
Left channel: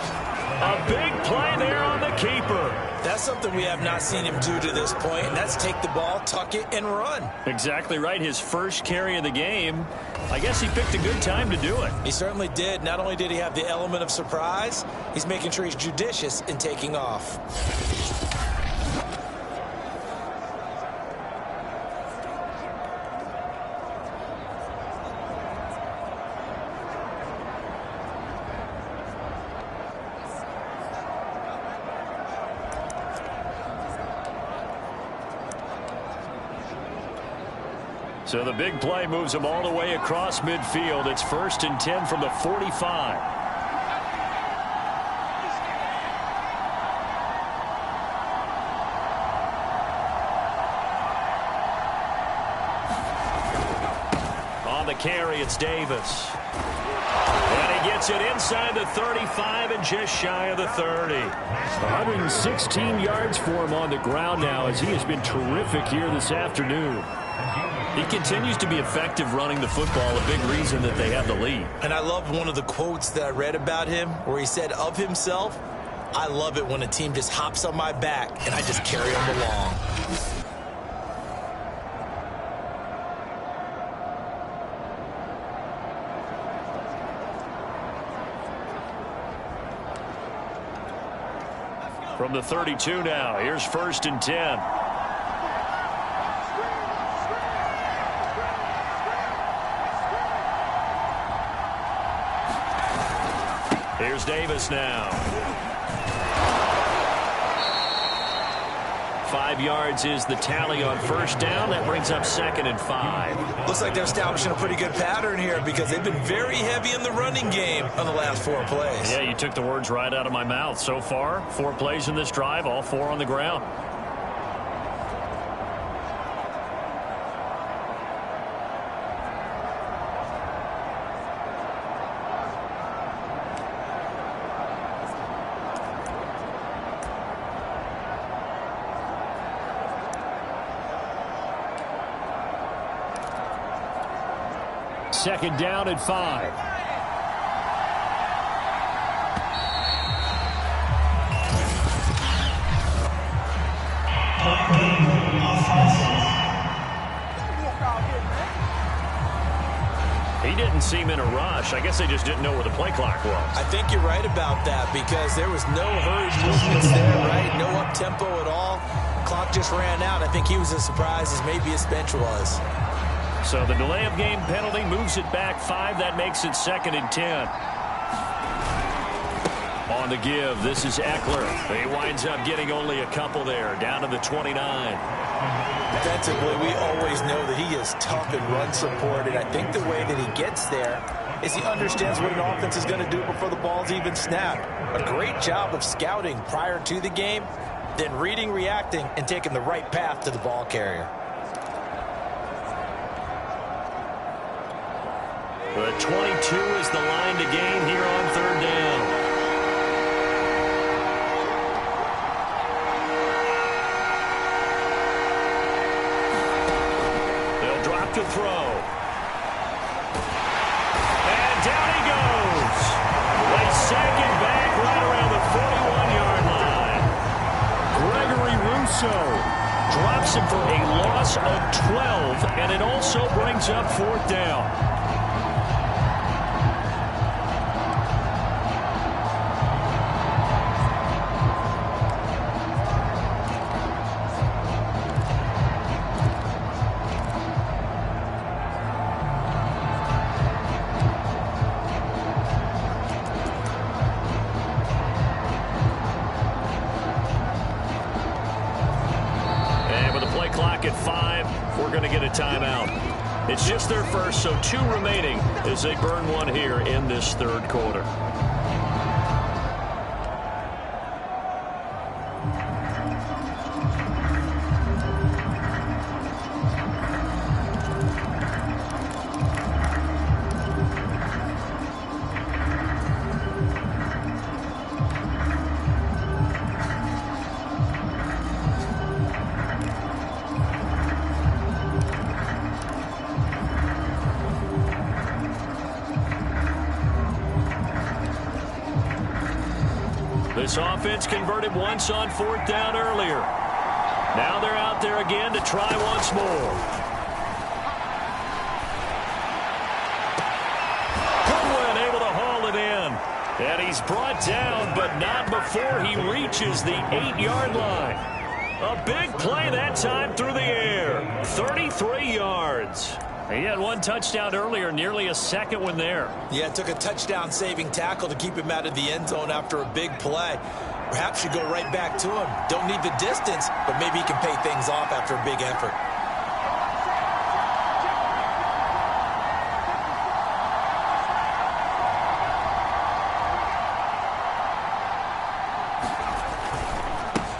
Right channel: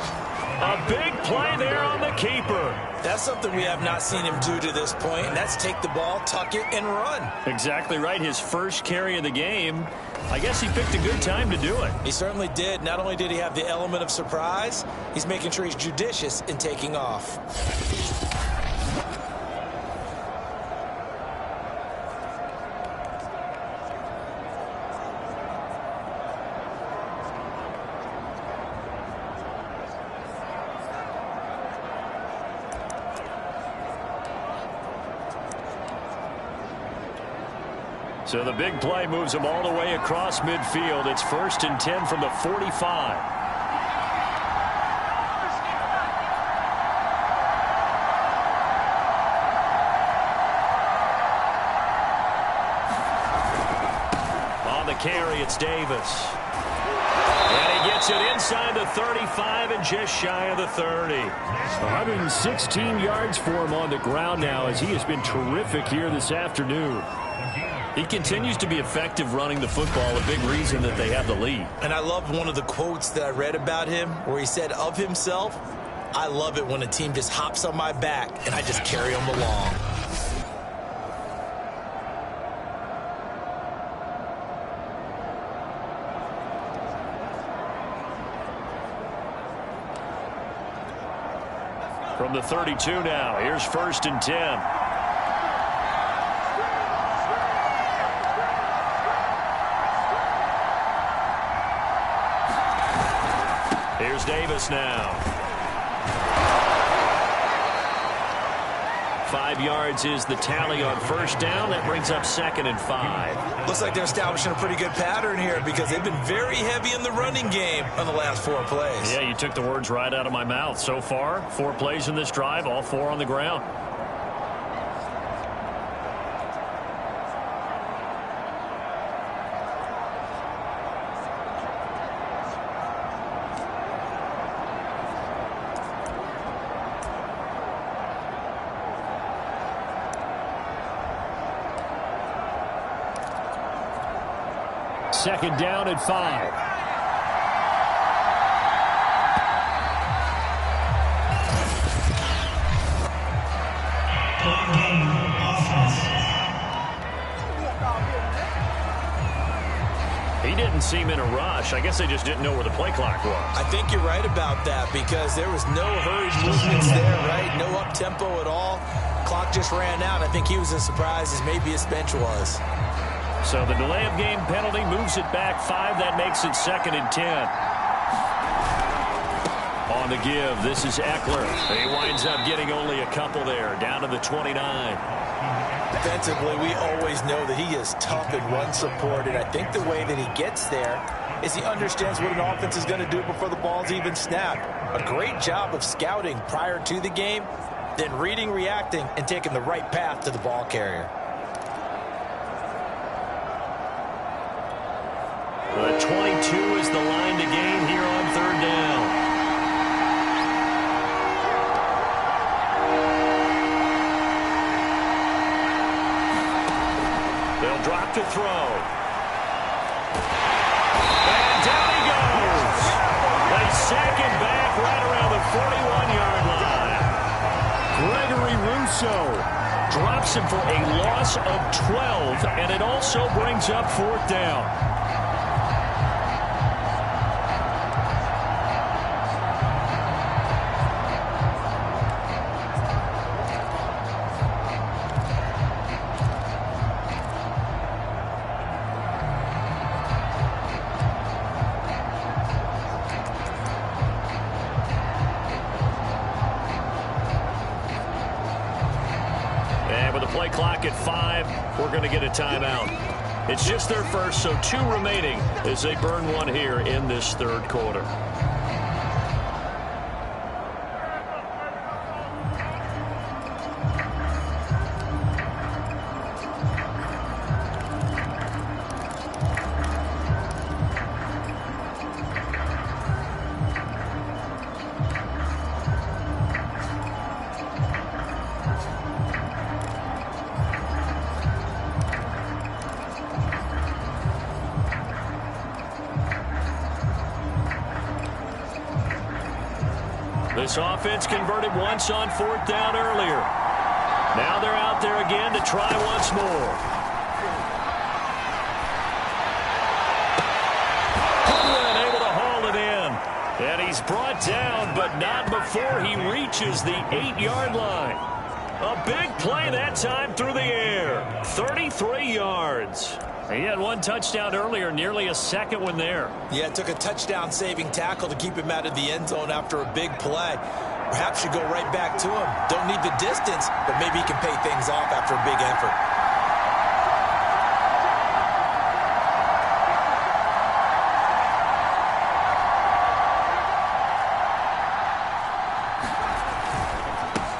A big play there on the keeper. That's something we have not seen him do to this point, and that's take the ball, tuck it, and run. Exactly right. His first carry of the game. I guess he picked a good time to do it. He certainly did. Not only did he have the element of surprise, he's making sure he's judicious in taking off. So the big play moves him all the way across midfield. It's 1st and 10 from the 45. On the carry, it's Davis. And he gets it inside the 35 and just shy of the 30. 116 yards for him on the ground now as he has been terrific here this afternoon. He continues to be effective running the football, a big reason that they have the lead. And I love one of the quotes that I read about him where he said of himself, "I love it when a team just hops on my back and I just carry them along." From the 32 now, here's 1st and 10. Here's Davis now. 5 yards is the tally on 1st down. That brings up 2nd and 5. Looks like they're establishing a pretty good pattern here because they've been very heavy in the running game on the last 4 plays. Yeah, you took the words right out of my mouth. So far, 4 plays in this drive, all 4 on the ground. second down at 5. Point game offense. He didn't seem in a rush. I guess they just didn't know where the play clock was. I think you're right about that because there was no hurried movements there, right? No up-tempo at all. Clock just ran out. I think he was as surprised as maybe his bench was. So the delay of game penalty moves it back 5. That makes it 2nd and 10. On the give, this is Eckler. He winds up getting only a couple there, down to the 29. Defensively, we always know that he is tough and run support, and I think the way that he gets there is he understands what an offense is going to do before the ball's even snapped. A great job of scouting prior to the game, then reading, reacting, and taking the right path to the ball carrier. The 22 is the line to gain here on 3rd down. They'll drop to throw. And down he goes. They sack him back right around the 41-yard line. Gregory Rousseau drops him for a loss of 12, and it also brings up 4th down. Clock at 5. We're going to get a timeout. It's just their first, so 2 remaining as they burn 1 here in this 3rd quarter. This offense converted once on 4th down earlier. Now they're out there again to try once more. Goodwin able to haul it in. And he's brought down, but not before he reaches the 8-yard line. A big play that time through the air. 33 yards. He had 1 touchdown earlier, nearly a 2nd one there. Yeah, it took a touchdown-saving tackle to keep him out of the end zone after a big play. Perhaps you go right back to him. Don't need the distance, but maybe he can pay things off after a big effort.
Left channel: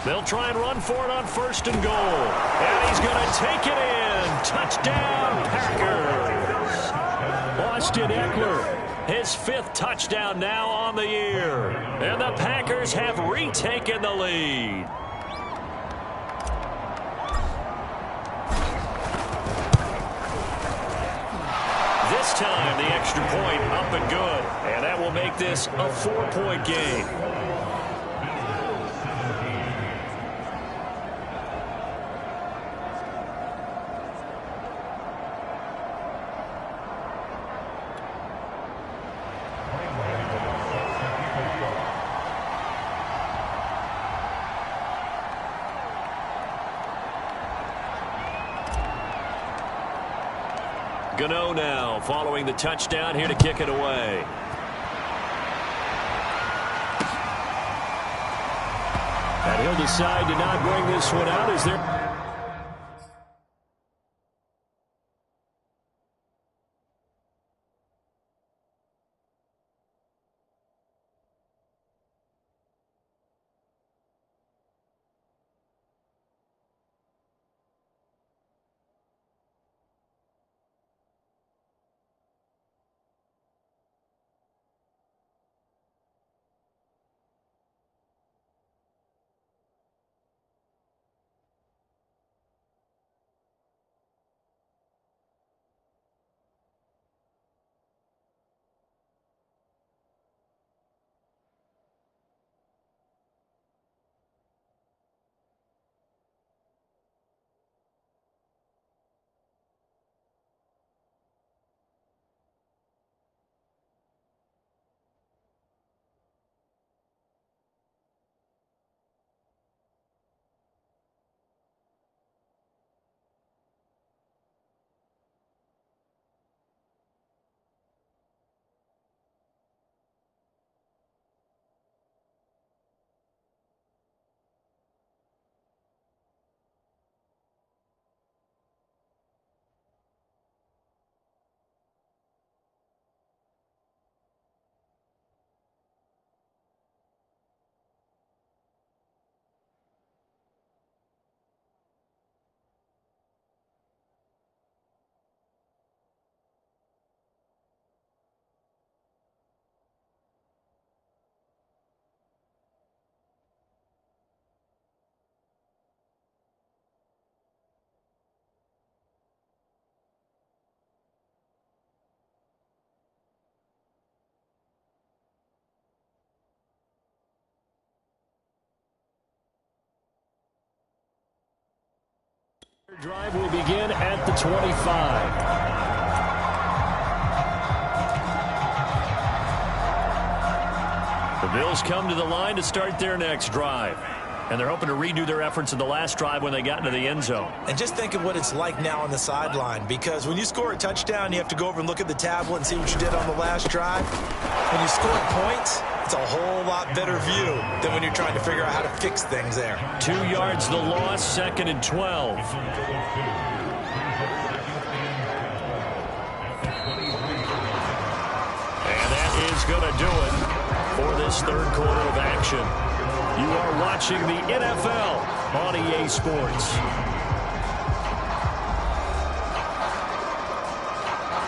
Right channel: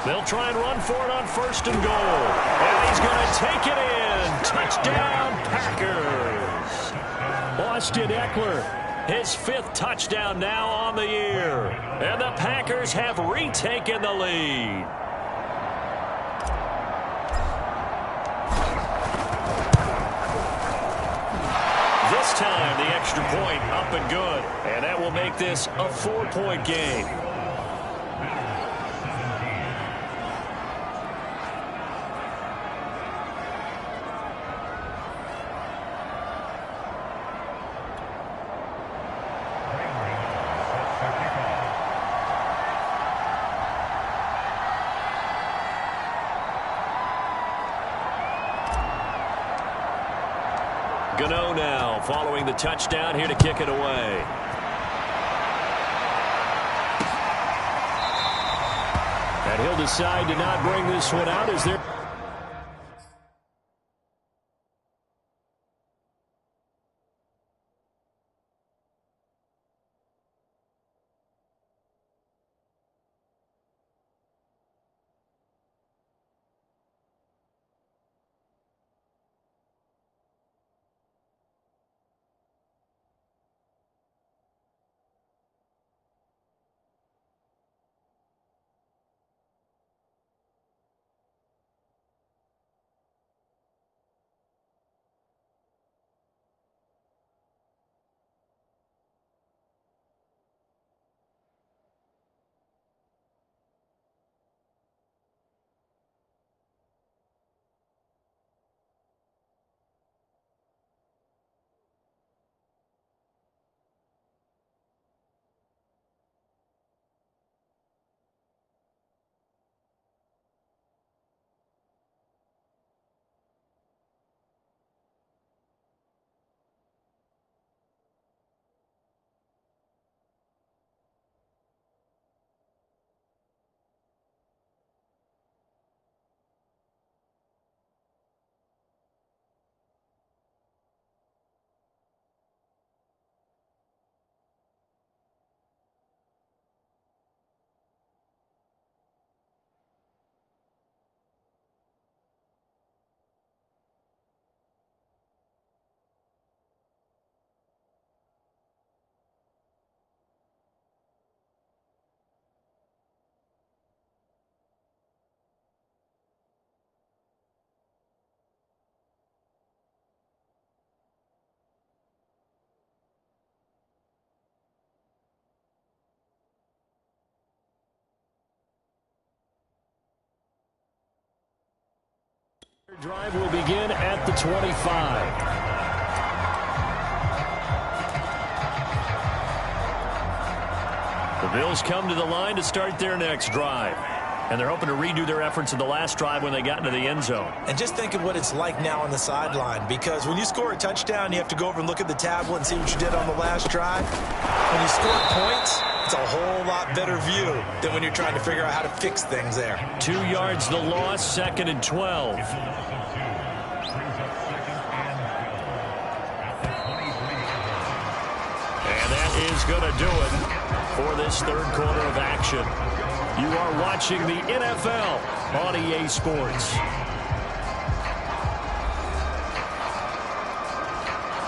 They'll try and run for it on 1st and goal. And he's going to take it in. Touchdown, Packers. Austin Eckler, his 5th touchdown now on the year. And the Packers have retaken the lead. This time, the extra point up and good. And that will make this a 4-point game. Gano now following the touchdown here to kick it away. And he'll decide to not bring this one out as they're... Drive will begin at the 25. The Bills come to the line to start their next drive. And they're hoping to redo their efforts in the last drive when they got into the end zone. And just think of what it's like now on the sideline, because when you score a touchdown, you have to go over and look at the tablet and see what you did on the last drive. When you score points, it's a whole lot better view than when you're trying to figure out how to fix things there. 2 yards the loss, 2nd and 12. And that is going to do it for this third quarter of action. You are watching the NFL on EA Sports.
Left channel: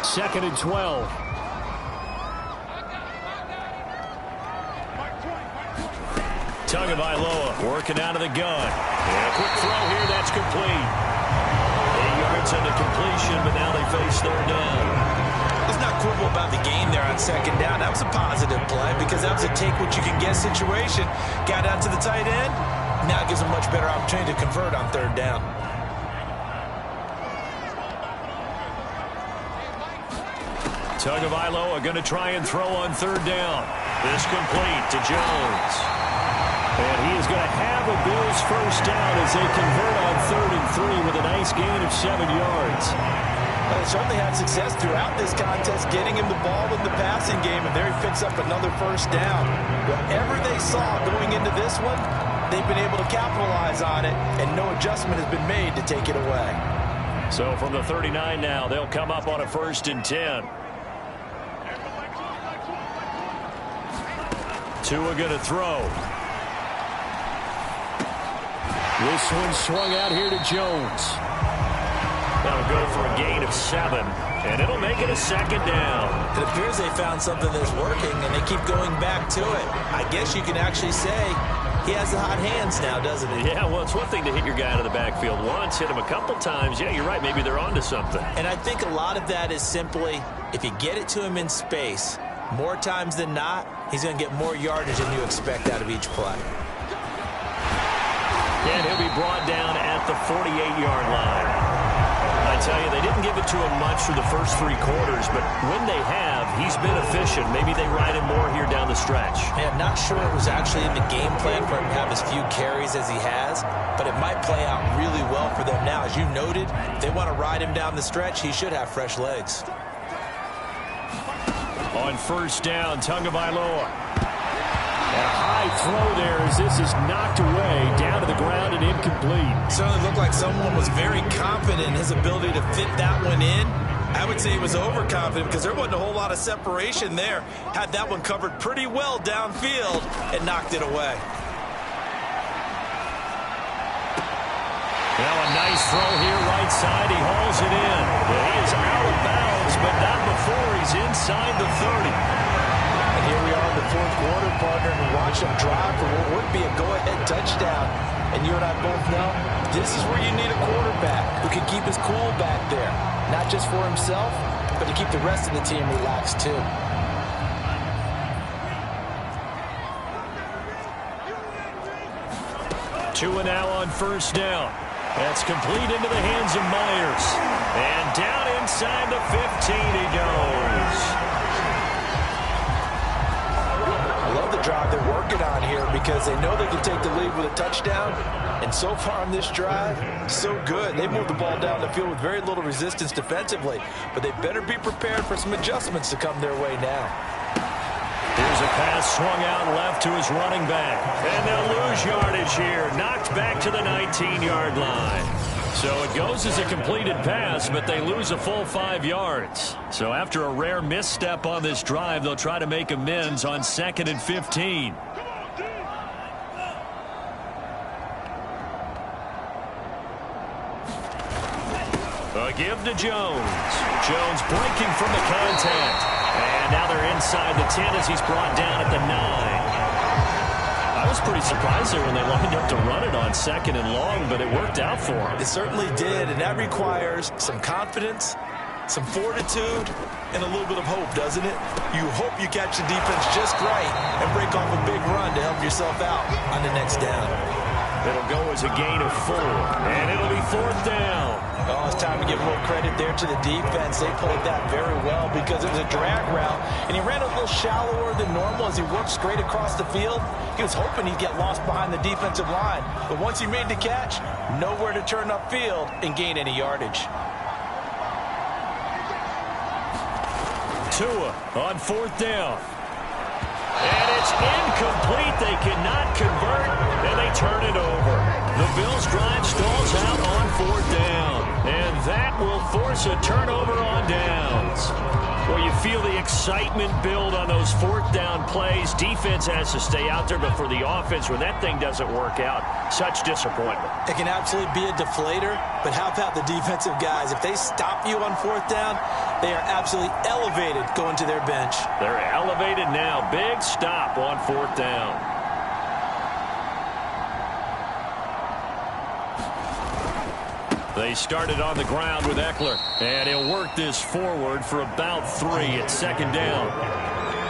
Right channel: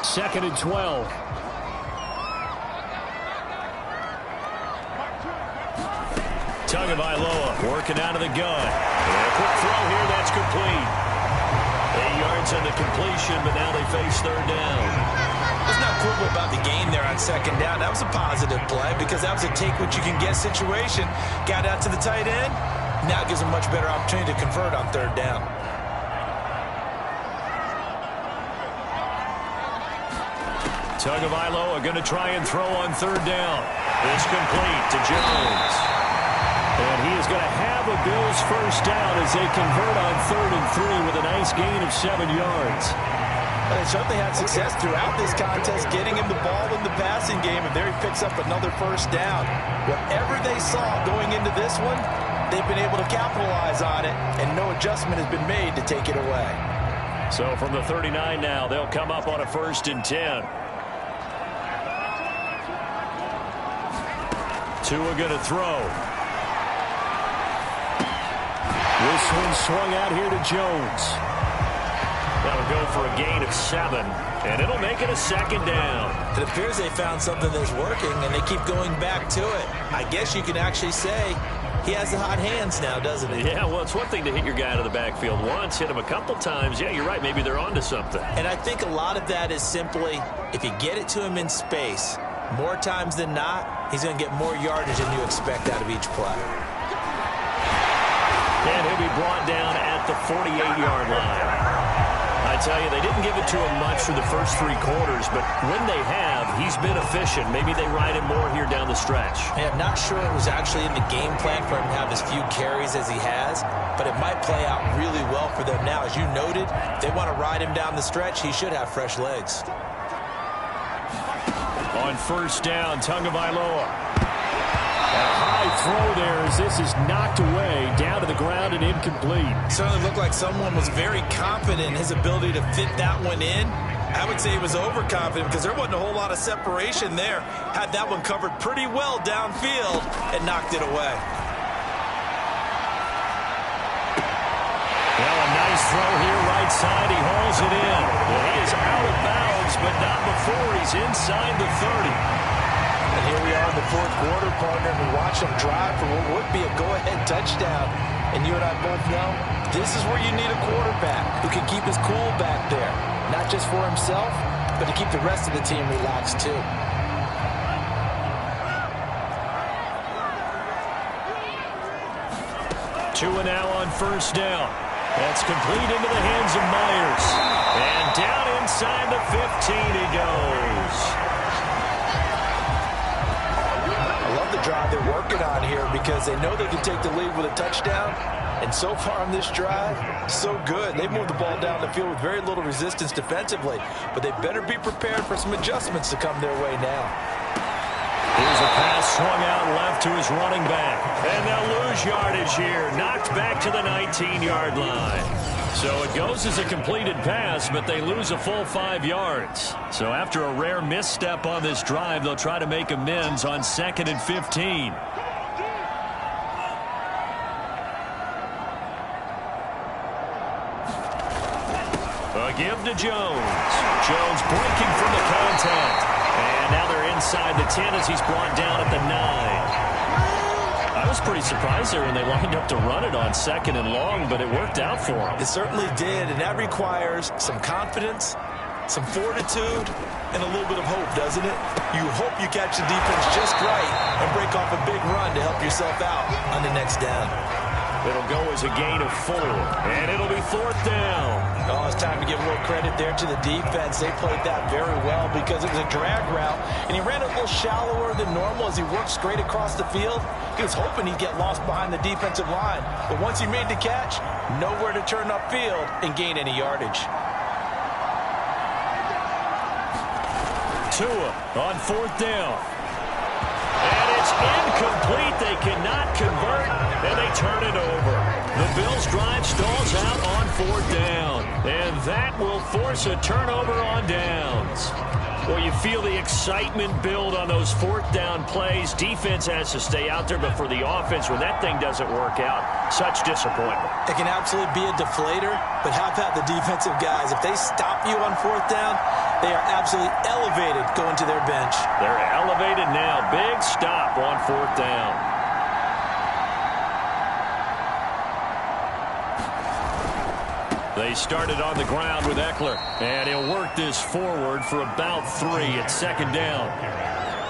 2nd and 12. Tagovailoa working out of the gun. And a quick throw here, that's complete. 8 yards on the completion, but now they face third down. Let's not quibble about the game there on 2nd down. That was a positive play because that was a take-what-you-can-get situation. Got out to the tight end. Now it gives them a much better opportunity to convert on 3rd down. Tagovailoa going to try and throw on 3rd down. This complete to Jones. And he is going to have a Bills first down as they convert on 3rd and 3 with a nice gain of 7 yards. But they certainly had success throughout this contest getting him the ball in the passing game, and there he picks up another first down. Whatever they saw going into this one, they've been able to capitalize on it, and no adjustment has been made to take it away. So from the 39 now, they'll come up on a 1st and 10. Tua going to throw. This one swung out here to Jones. That'll go for a gain of 7, and it'll make it a 2nd down. It appears they found something that's working, and they keep going back to it. I guess you can actually say he has the hot hands now, doesn't he? Yeah, well, it's one thing to hit your guy out of the backfield once, hit him a couple times. Yeah, you're right. Maybe they're onto something. And I think a lot of that is simply if you get it to him in space, more times than not, he's going to get more yardage than you expect out of each play. And he'll be brought down at the 48-yard line. I tell you, they didn't give it to him much for the first 3 quarters, but when they have, he's been efficient. Maybe they ride him more here down the stretch. Yeah, I'm not sure it was actually in the game plan for him to have as few carries as he has, but it might play out really well for them now. As you noted, if they want to ride him down the stretch, he should have fresh legs. On 1st down, Tagovailoa. And a high throw there as this is knocked away, down to the ground and incomplete. Certainly looked like someone was very confident in his ability to fit that one in. I would say he was overconfident because there wasn't a whole lot of separation there. Had that one covered pretty well downfield and knocked it away. Now a nice throw here right side. He hauls it in. Well, he is out of bounds, but not before he's inside the 30. And here we are in the 4th quarter, partner, and watch them drive for what would be a go-ahead touchdown. And you and I both know this is where you need a quarterback who can keep his cool back there. Not just for himself, but to keep the rest of the team relaxed too. Tua now on 1st down. That's complete into the hands of Myers. And down inside the 15 he goes. I love the drive they're working on here because they know they can take the lead with a touchdown. And so far on this drive, so good. They moved the ball down the field with very little resistance defensively, but they better be prepared for some adjustments to come their way now. Here's a pass swung out left to his running back. And they'll lose yardage here. Knocked back to the 19-yard line. So it goes as a completed pass, but they lose a full 5 yards. So after a rare misstep on this drive, they'll try to make amends on 2nd and 15. A give to Jones. Jones breaking from the contact. And now they're inside the 10 as he's brought down at the 9. I was pretty surprised there when they lined up to run it on 2nd and long, but it worked out for him. It certainly did, and that requires some confidence, some fortitude, and a little bit of hope, doesn't it? You hope you catch the defense just right and break off a big run to help yourself out on the next down. It'll go as a gain of 4, and it'll be 4th down. Oh, it's time to give a little credit there to the defense. They played that very well because it was a drag route, and he ran a little shallower than normal as he worked straight across the field. He was hoping he'd get lost behind the defensive line, but once he made the catch, nowhere to turn upfield and gain any yardage. Tua on 4th down. And it's incomplete. They cannot convert, and they turn it over. The Bills' drive stalls out on 4th down, and that will force a turnover on downs. Well, you feel the excitement build on those 4th down plays. Defense has to stay out there, but for the offense, when that thing doesn't work out, such disappointment. It can absolutely be a deflator, but how about the defensive guys? If they stop you on 4th down, they are absolutely elevated going to their bench. They're elevated now. Big stop on 4th down. They started on the ground with Eckler, and he'll work this forward for about 3 at 2nd down.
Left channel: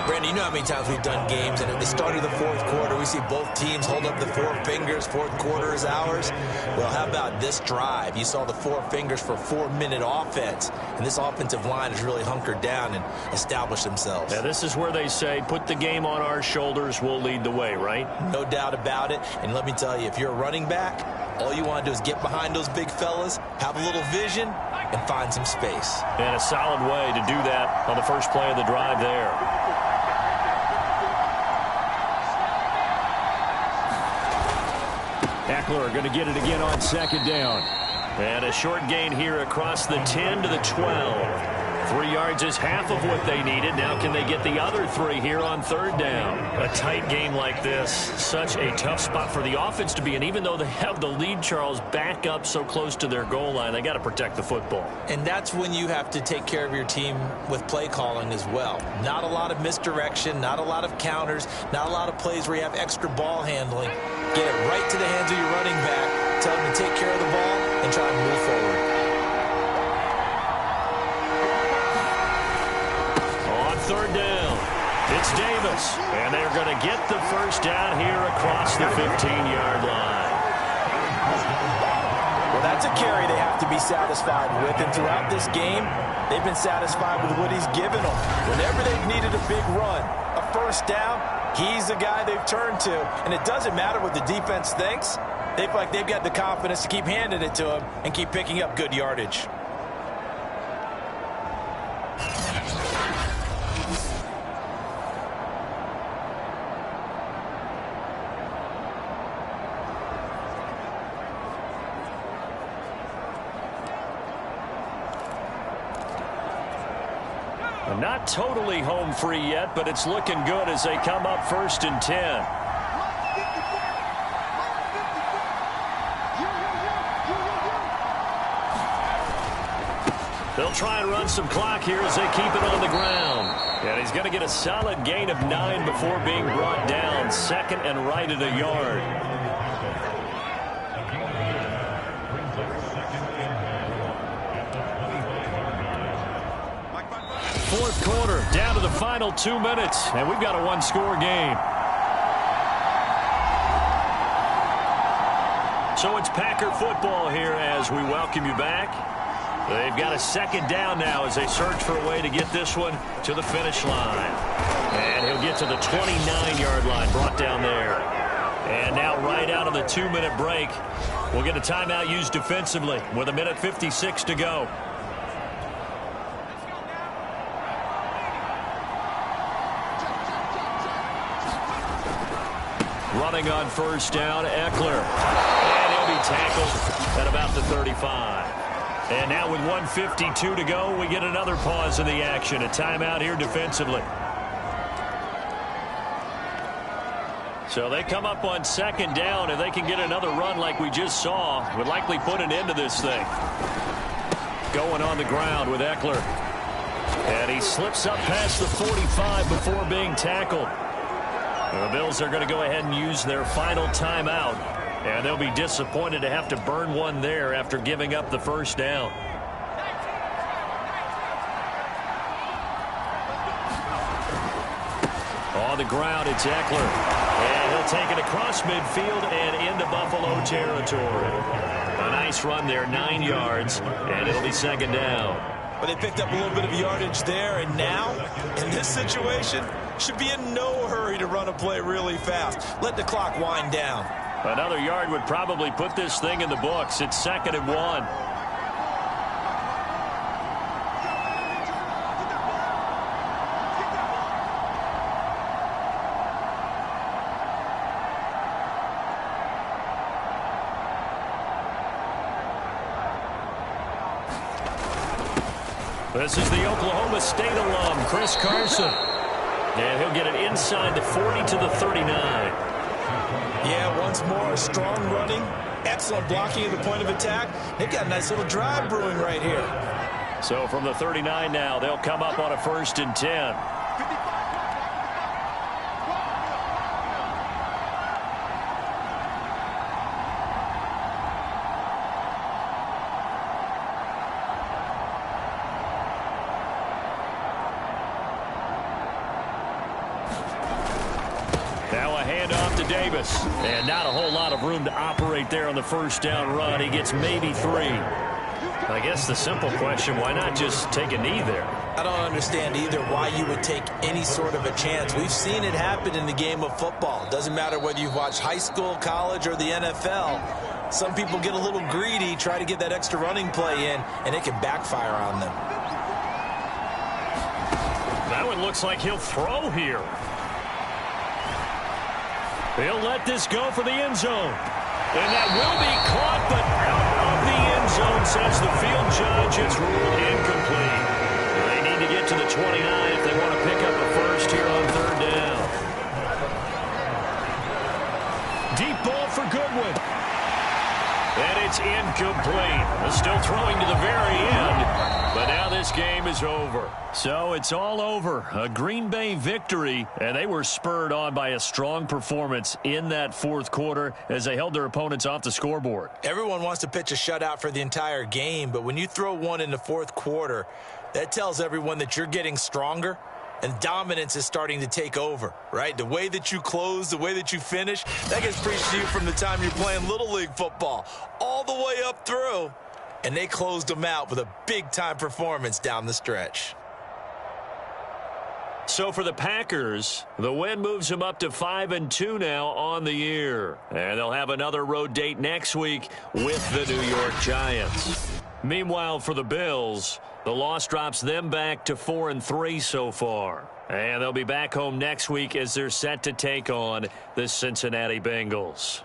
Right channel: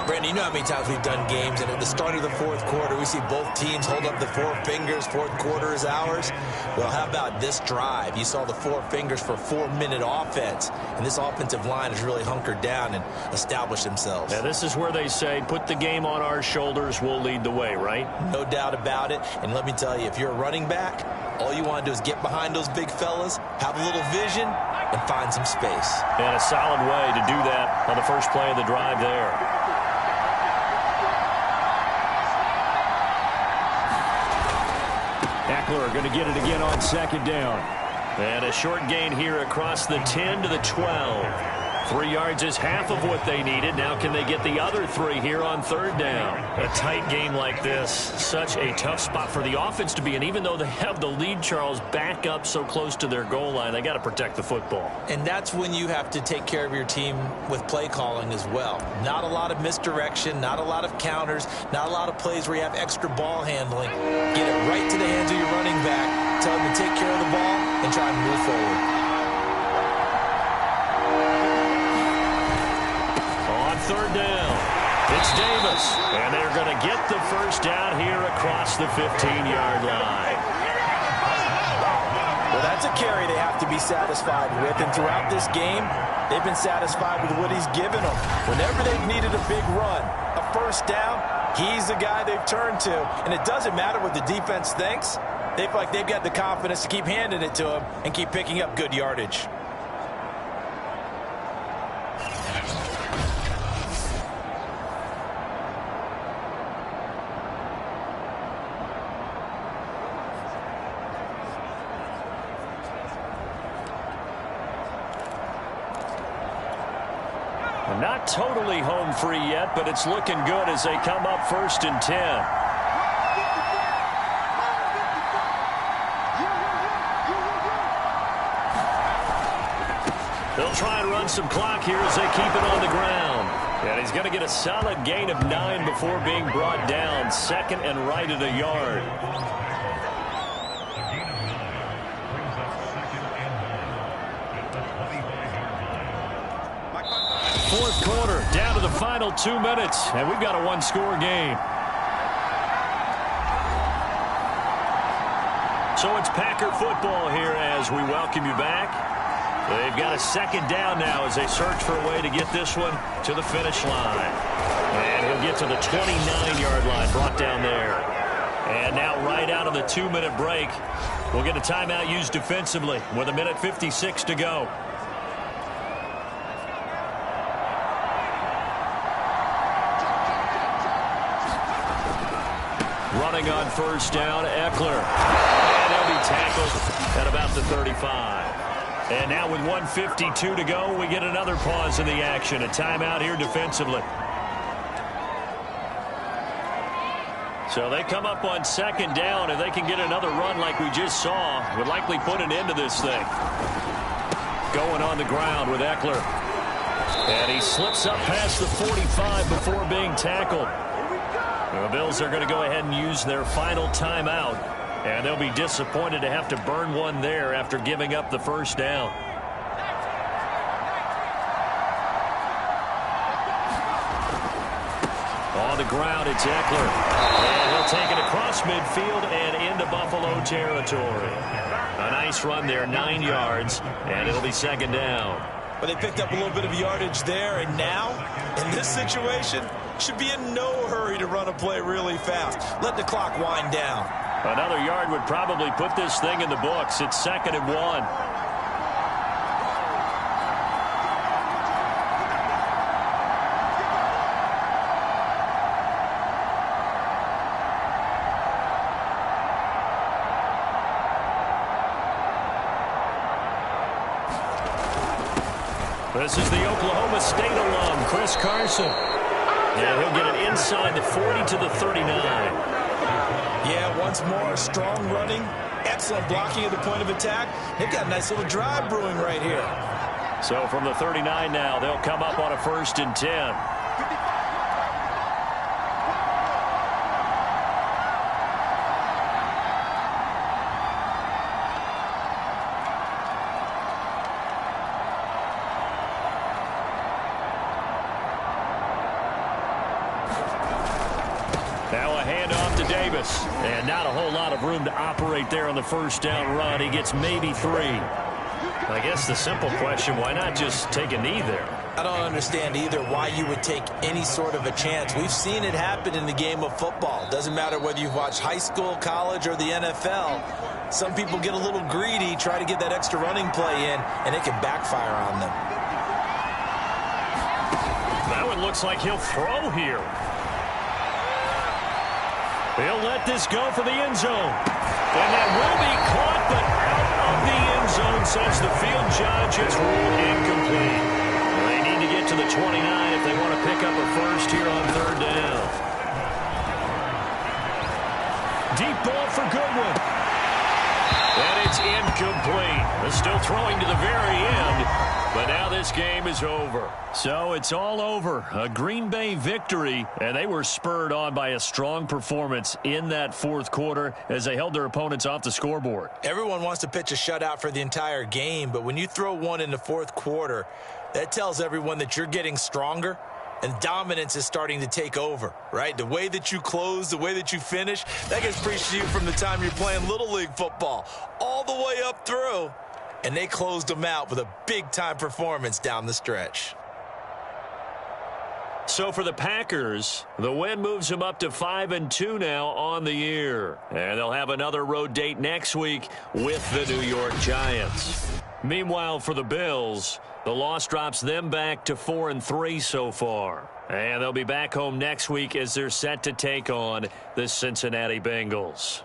Brandon, you know how many times we've done games, and at the start of the 4th quarter, we see both teams hold up the 4 fingers, 4th quarter is ours. Well, how about this drive? You saw the 4 fingers for 4-minute offense, and this offensive line has really hunkered down and established themselves. Now, this is where they say, put the game on our shoulders, we'll lead the way, right? No doubt about it, and let me tell you, if you're a running back, all you want to do is get behind those big fellas, have a little vision, and find some space. And a solid way to do that on the first play of the drive there. Eckler going to get it again on 2nd down. And a short gain here across the 10 to the 12. 3 yards is half of what they needed. Now can they get the other 3 here on 3rd down? A tight game like this, such a tough spot for the offense to be in. Even though they have the lead, Charles, back up so close to their goal line, they got to protect the football. And that's when you have to take care of your team with play calling as well. Not a lot of misdirection, not a lot of counters, not a lot of plays where you have extra ball handling. Get it right to the hands of your running back, tell him to take care of the ball, and try and move forward. On 3rd down, it's Davis, and they're going to get the first down here across the 15-yard line. Well, that's a carry they have to be satisfied with, and throughout this game, they've been satisfied with what he's given them. Whenever they've needed a big run, a first down, he's the guy they've turned to, and it doesn't matter what the defense thinks. They feel like they've got the confidence to keep handing it to him and keep picking up good yardage. Not totally home free yet, but it's looking good as they come up 1st and 10. They'll try and run some clock here as they keep it on the ground. And he's going to get a solid gain of 9 before being brought down. 2nd and right at a yard. Fourth quarter, down to the final 2 minutes, and we've got a 1-score game. So it's Packer football here as we welcome you back. They've got a 2nd down now as they search for a way to get this one to the finish line. And he'll get to the 29-yard line, brought down there. And now right out of the 2-minute break, we'll get a timeout used defensively with 1:56 to go. Running on 1st down, Eckler. And he'll be tackled at about the 35. And now with 1:52 to go, we get another pause in the action. A timeout here defensively. So they come up on 2nd down. If they can get another run like we just saw, would likely put an end to this thing. Going on the ground with Eckler. And he slips up past the 45 before being tackled. The Bills are going to go ahead and use their final timeout, and they'll be disappointed to have to burn one there after giving up the 1st down. On the ground, it's Eckler, and he'll They'll take it across midfield and into Buffalo territory. A nice run there, 9 yards, and it'll be second down. But they picked up a little bit of yardage there, and now, in this situation, should be in no hurry to run a play really fast. Let the clock wind down. Another yard would probably put this thing in the books. It's 2nd and 1. This is the Oklahoma State alum, Chris Carson. And he'll get it inside the 40 to the 39. Yeah, once more, strong running, excellent blocking at the point of attack. They've got a nice little drive brewing right here. So from the 39 now, they'll come up on a 1st and 10. Now a handoff to Davis. And not a whole lot of room to operate there on the 1st down run. He gets maybe 3. I guess the simple question, why not just take a knee there? I don't understand either why you would take any sort of a chance. We've seen it happen in the game of football. Doesn't matter whether you've watched high school, college, or the NFL. Some people get a little greedy, try to get that extra running play in, and it can backfire on them. That one looks like he'll throw here. He'll let this go for the end zone. And that will be caught, but out of the end zone, says the field judge. It's ruled incomplete. They need to get to the 29 if they want to pick up a 1st here on 3rd down. Deep ball for Goodwin. And it's incomplete. They're still throwing to the very end. But now this game is over. So it's all over. A Green Bay victory, and they were spurred on by a strong performance in that 4th quarter as they held their opponents off the scoreboard. Everyone wants to pitch a shutout for the entire game, but when you throw one in the 4th quarter, that tells everyone that you're getting stronger and dominance is starting to take over, right? The way that you close, the way that you finish, that gets preached to you from the time you're playing Little League football all the way up through. And they closed them out with a big-time performance down the stretch. So for the Packers, the win moves them up to 5-2 now on the year. And they'll have another road date next week with the New York Giants. Meanwhile, for the Bills, the loss drops them back to 4-3 so far. And they'll be back home next week as they're set to take on the Cincinnati Bengals.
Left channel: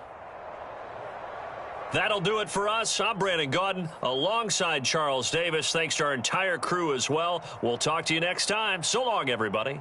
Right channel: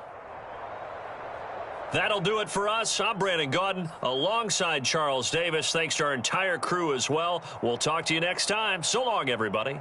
That'll do it for us. I'm Brandon Gaudin alongside Charles Davis. Thanks to our entire crew as well. We'll talk to you next time. So long, everybody.